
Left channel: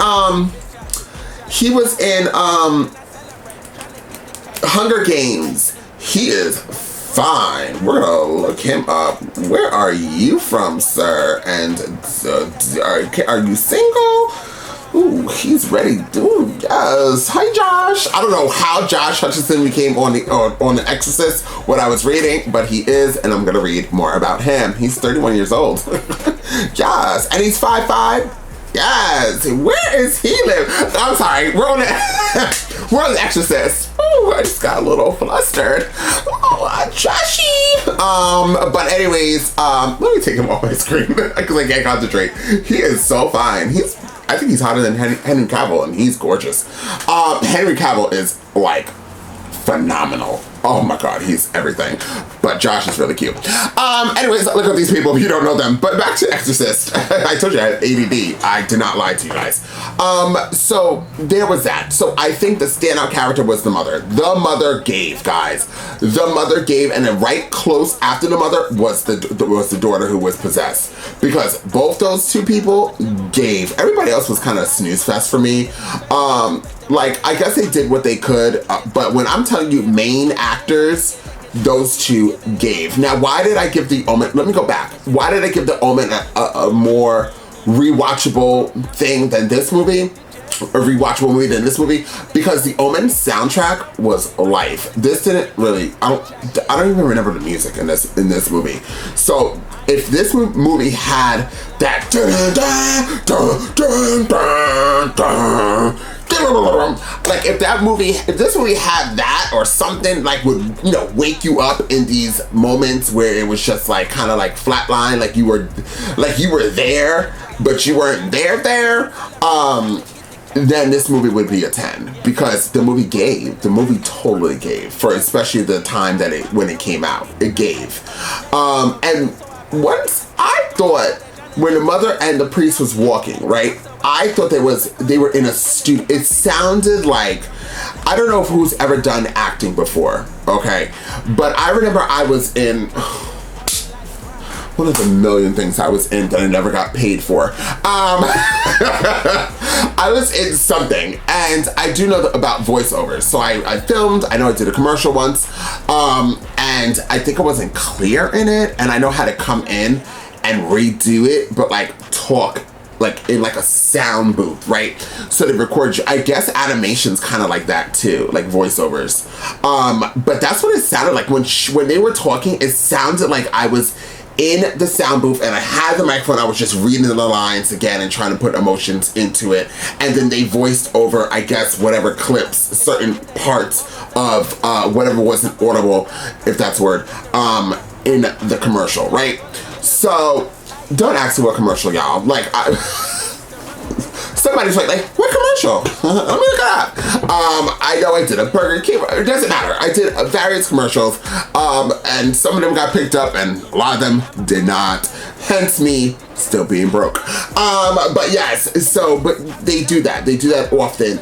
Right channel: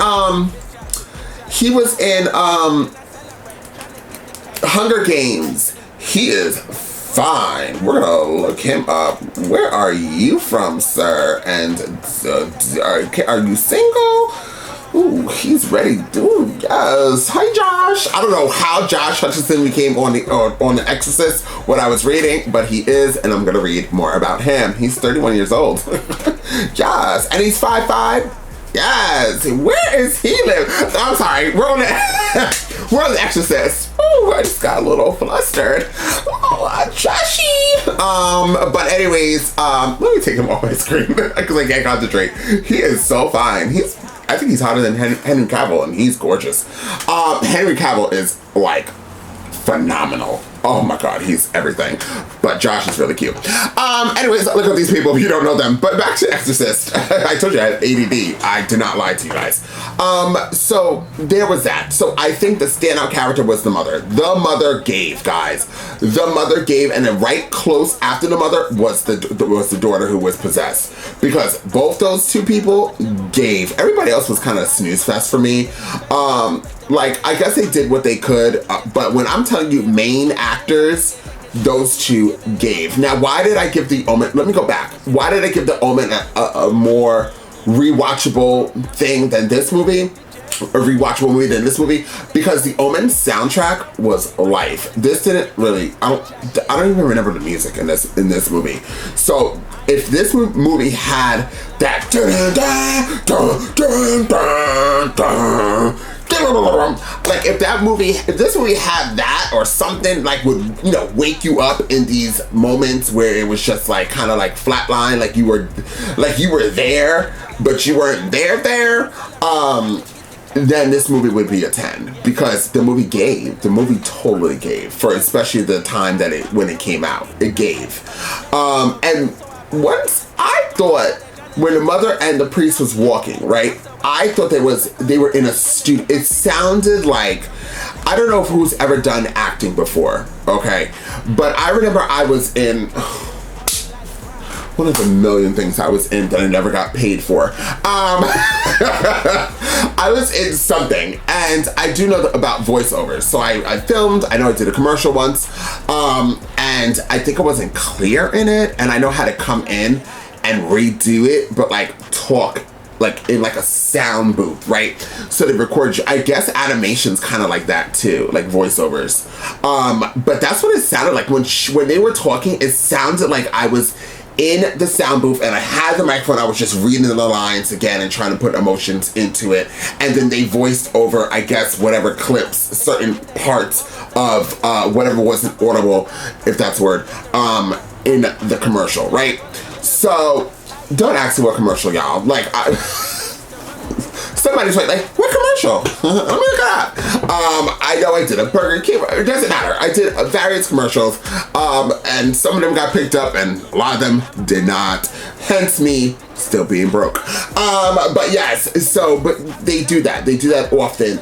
Hunger Games. He is fine. We're gonna look him up. Where are you from, sir? And are you single? Ooh, he's ready. Ooh, yes. Hi, Josh. I don't know how Josh Hutcherson became on the Exorcist, what I was reading, but he is, and I'm gonna read more about him. He's 31 years old. Yes, and he's 5'5". Yes. Where is he live? I'm sorry. We're on the Exorcist. Oh, I just got a little flustered. Oh, Joshy. But anyways, let me take him off my screen because I can't concentrate. He is so fine. I think he's hotter than Henry Cavill, and he's gorgeous. Henry Cavill is like phenomenal. Oh my God, he's everything. But Josh is really cute. Anyways, look at these people if you don't know them. But back to Exorcist. I told you I had ADD. I did not lie to you guys. So there was that. So I think the standout character was the mother. The mother gave, guys. The mother gave, and then right close after the mother was the daughter who was possessed. Because both those two people gave. Everybody else was kind of a snooze fest for me. Like, I guess they did what they could, but when I'm telling you main actors, those two gave. Now, why did I give The Omen? Let me go back. Why did I give The Omen a more rewatchable thing than this movie? A rewatchable movie than this movie? Because The Omen soundtrack was life. This didn't really, I don't even remember the music in this movie. So if this movie had that like if this movie had that or something, like would, you know, wake you up in these moments where it was just like kind of like flatline, like you were there but you weren't there, then this movie would be a 10 because the movie totally gave for especially the time that when it came out. It gave. And once I thought when the mother and the priest was walking, right? I thought they were in a studio. It sounded like, I don't know if who's ever done acting before, okay? But I remember I was in one of the million things I was in that I never got paid for. I was in something, and I do know about voiceovers. So I filmed, I know I did a commercial once, and I think I wasn't clear in it, and I know how to come in and redo it, but like talk like in like a sound booth, right? So they record you. I guess animation's kind of like that too, like voiceovers. But that's what it sounded like when they were talking. It sounded like I was in the sound booth and I had the microphone. I was just reading the lines again and trying to put emotions into it. And then they voiced over, I guess, whatever clips, certain parts of whatever wasn't audible, if that's a word, in the commercial, right? So don't ask me what commercial, y'all. Like, somebody's like, what commercial? Let me look it up. I know I did a Burger King. It doesn't matter. I did various commercials, and some of them got picked up, and a lot of them did not. Hence me still being broke. But yes, but they do that. They do that often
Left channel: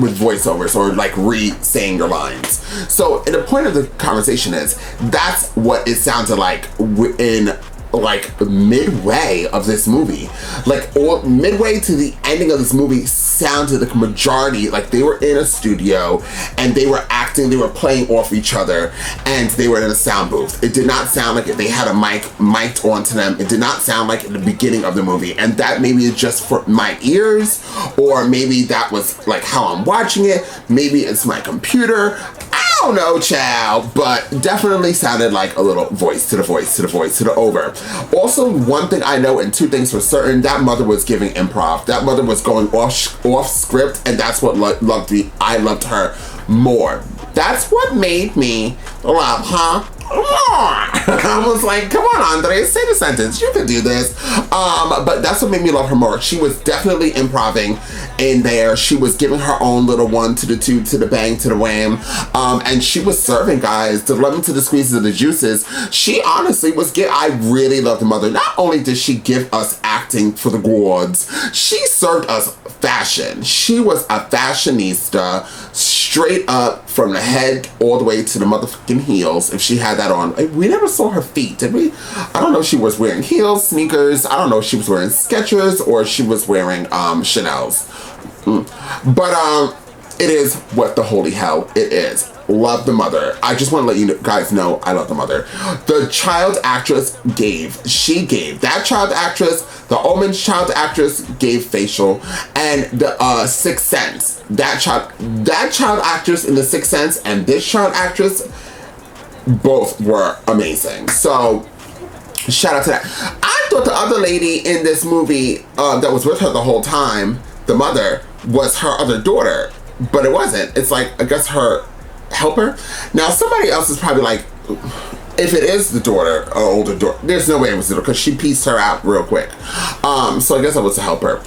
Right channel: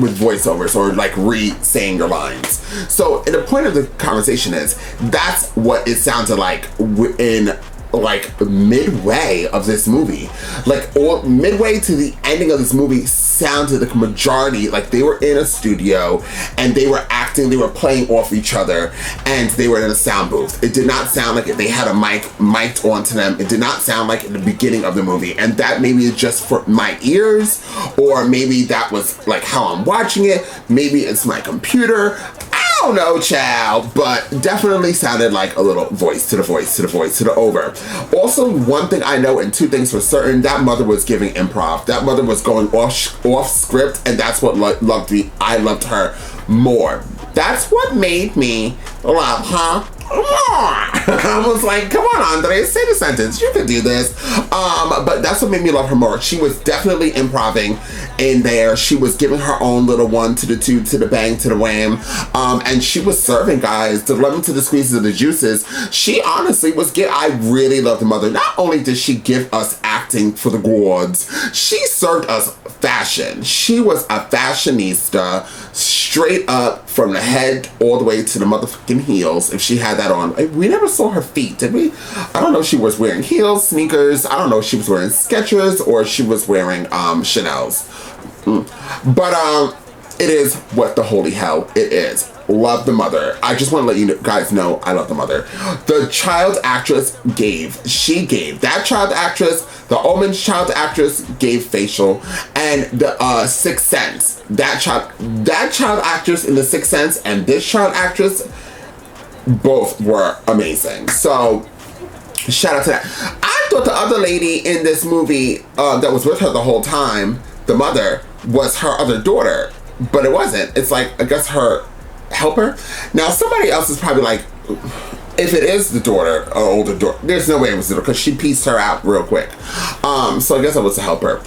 with voiceovers or like re-saying your lines. So, and the point of the conversation is that's what it sounded like in like midway of this movie, like or midway to the ending of this movie sounded like majority like they were in a studio and they were acting, they were playing off each other, and they were in a sound booth. It did not sound like they had a mic'd onto them. It did not sound like in the beginning of the movie, and that maybe is just for my ears, or maybe that was like how I'm watching it. Maybe it's my computer. I don't know, child, but definitely sounded like a little voice to the over. Also, one thing I know and two things for certain, that mother was giving improv. That mother was going off script, and that's what I loved her more. That's what made me love her more. I was like, come on, Andre, say the sentence. You can do this. But that's what made me love her more. She was definitely improving in there. She was giving her own little one to the two, to the bang, to the wham. And she was serving, guys, the lemon to the squeezes of the juices. She honestly was I really loved the mother. Not only did she give us acting for the gourds, she served us fashion. She was a fashionista, straight up from the head all the way to the motherfucking heels, if she had that on. We never saw her feet, did we? I don't know if she was wearing heels, sneakers. I don't know if she was wearing Skechers or she was wearing Chanel's. But it is what the holy hell it is. Love the mother. I just want to let you guys know I love the mother. The child actress gave. That child actress, the Omen's child actress gave facial, and the Sixth Sense. That child actress in the Sixth Sense and this child actress both were amazing. So shout out to that. I thought the other lady in this movie that was with her the whole time, the mother, was her other daughter, but it wasn't. It's like, I guess her helper. Now somebody else is probably like, if it is the daughter or older daughter, there's no way it was the daughter because she pieced her out real quick. So I guess it was the helper.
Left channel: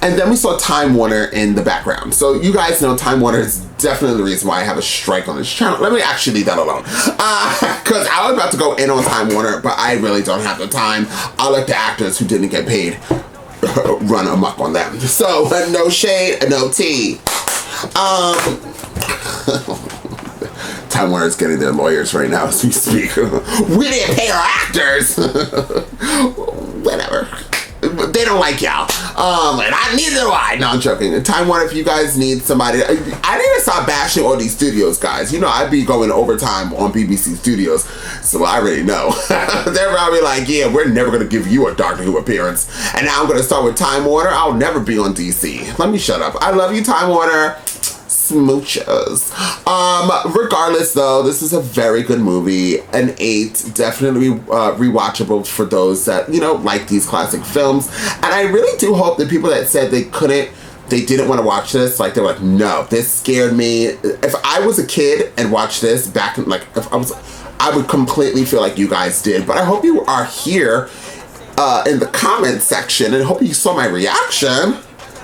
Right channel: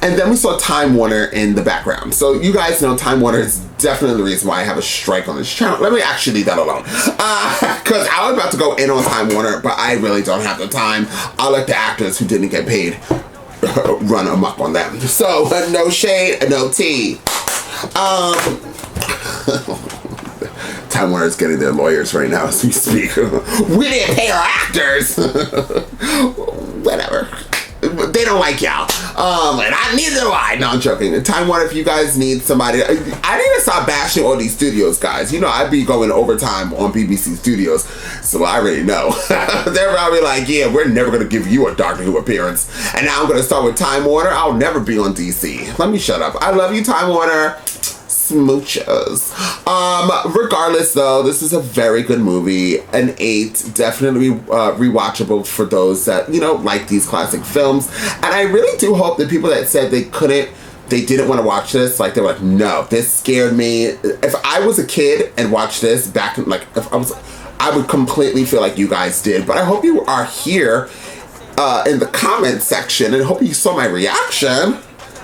And then we saw Time Warner in the background. So you guys know Time Warner is definitely the reason why I have a strike on this channel. Let me actually leave that alone. Because I was about to go in on Time Warner, but I really don't have the time. I'll let the actors who didn't get paid run amok on them. So no shade, no tea. Time Warner is getting their lawyers right now as we speak. We didn't pay our actors. Whatever. They don't like y'all. And neither do I. No, I'm joking. Time Warner, if you guys need somebody, I need to stop bashing all these studios, guys. You know, I'd be going overtime on BBC Studios, so I already know. They're probably like, yeah, we're never going to give you a Doctor Who appearance. And now I'm going to start with Time Warner. I'll never be on DC. Let me shut up. I love you, Time Warner. Smooches. Regardless though, this is a very good movie. An 8, definitely rewatchable for those that, you know, like these classic films. And I really do hope that people that said they didn't want to watch this, like they were like, no, this scared me. If I was a kid and watched this back in, like, I would completely feel like you guys did. But I hope you are here in the comment section and hope you saw my reaction.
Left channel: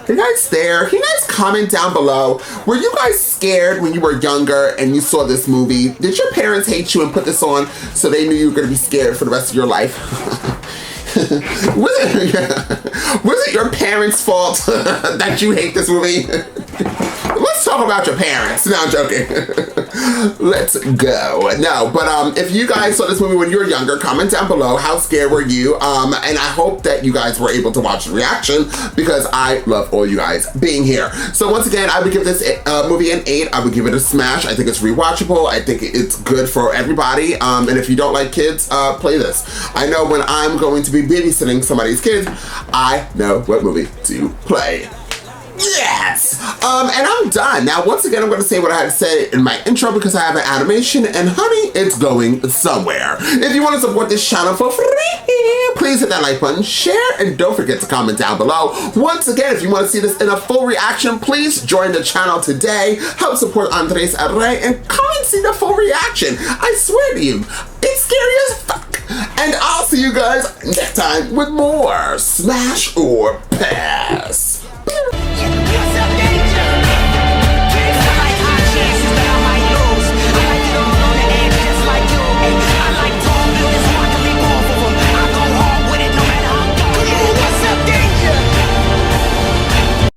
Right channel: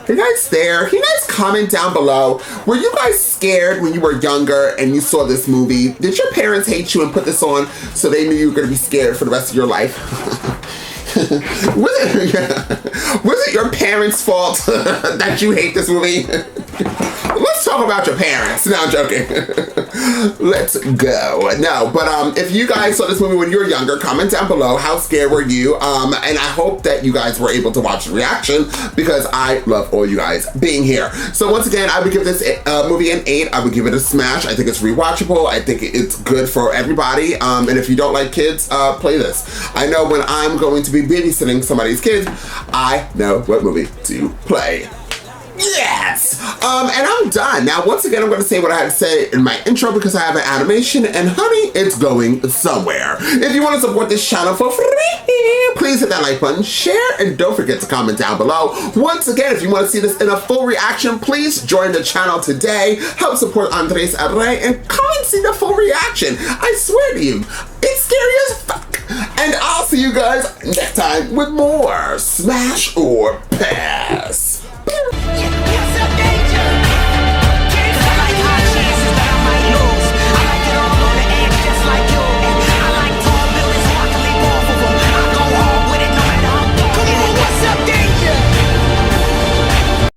Are you guys there? Can you guys comment down below? Were you guys scared when you were younger and you saw this movie? Did your parents hate you and put this on so they knew you were going to be scared for the rest of your life? Was it your parents' fault that you hate this movie? Let's talk about your parents. No, I'm joking. Let's go. No, but if you guys saw this movie when you were younger, comment down below. How scared were you? And I hope that you guys were able to watch the reaction because I love all you guys being here. So once again, I would give this movie an 8. I would give it a smash. I think it's rewatchable. I think it's good for everybody. And if you don't like kids, play this. I know when I'm going to be babysitting somebody's kids, I know what movie to play. Yes! And I'm done. Now, once again, I'm going to say what I had to say in my intro because I have an animation, and honey, it's going somewhere. If you want to support this channel for free, please hit that like button, share, and don't forget to comment down below. Once again, if you want to see this in a full reaction, please join the channel today. Help support Andres Array and come and see the full reaction. I swear to you, it's scary as fuck. And I'll see you guys next time with more Smash or Pass.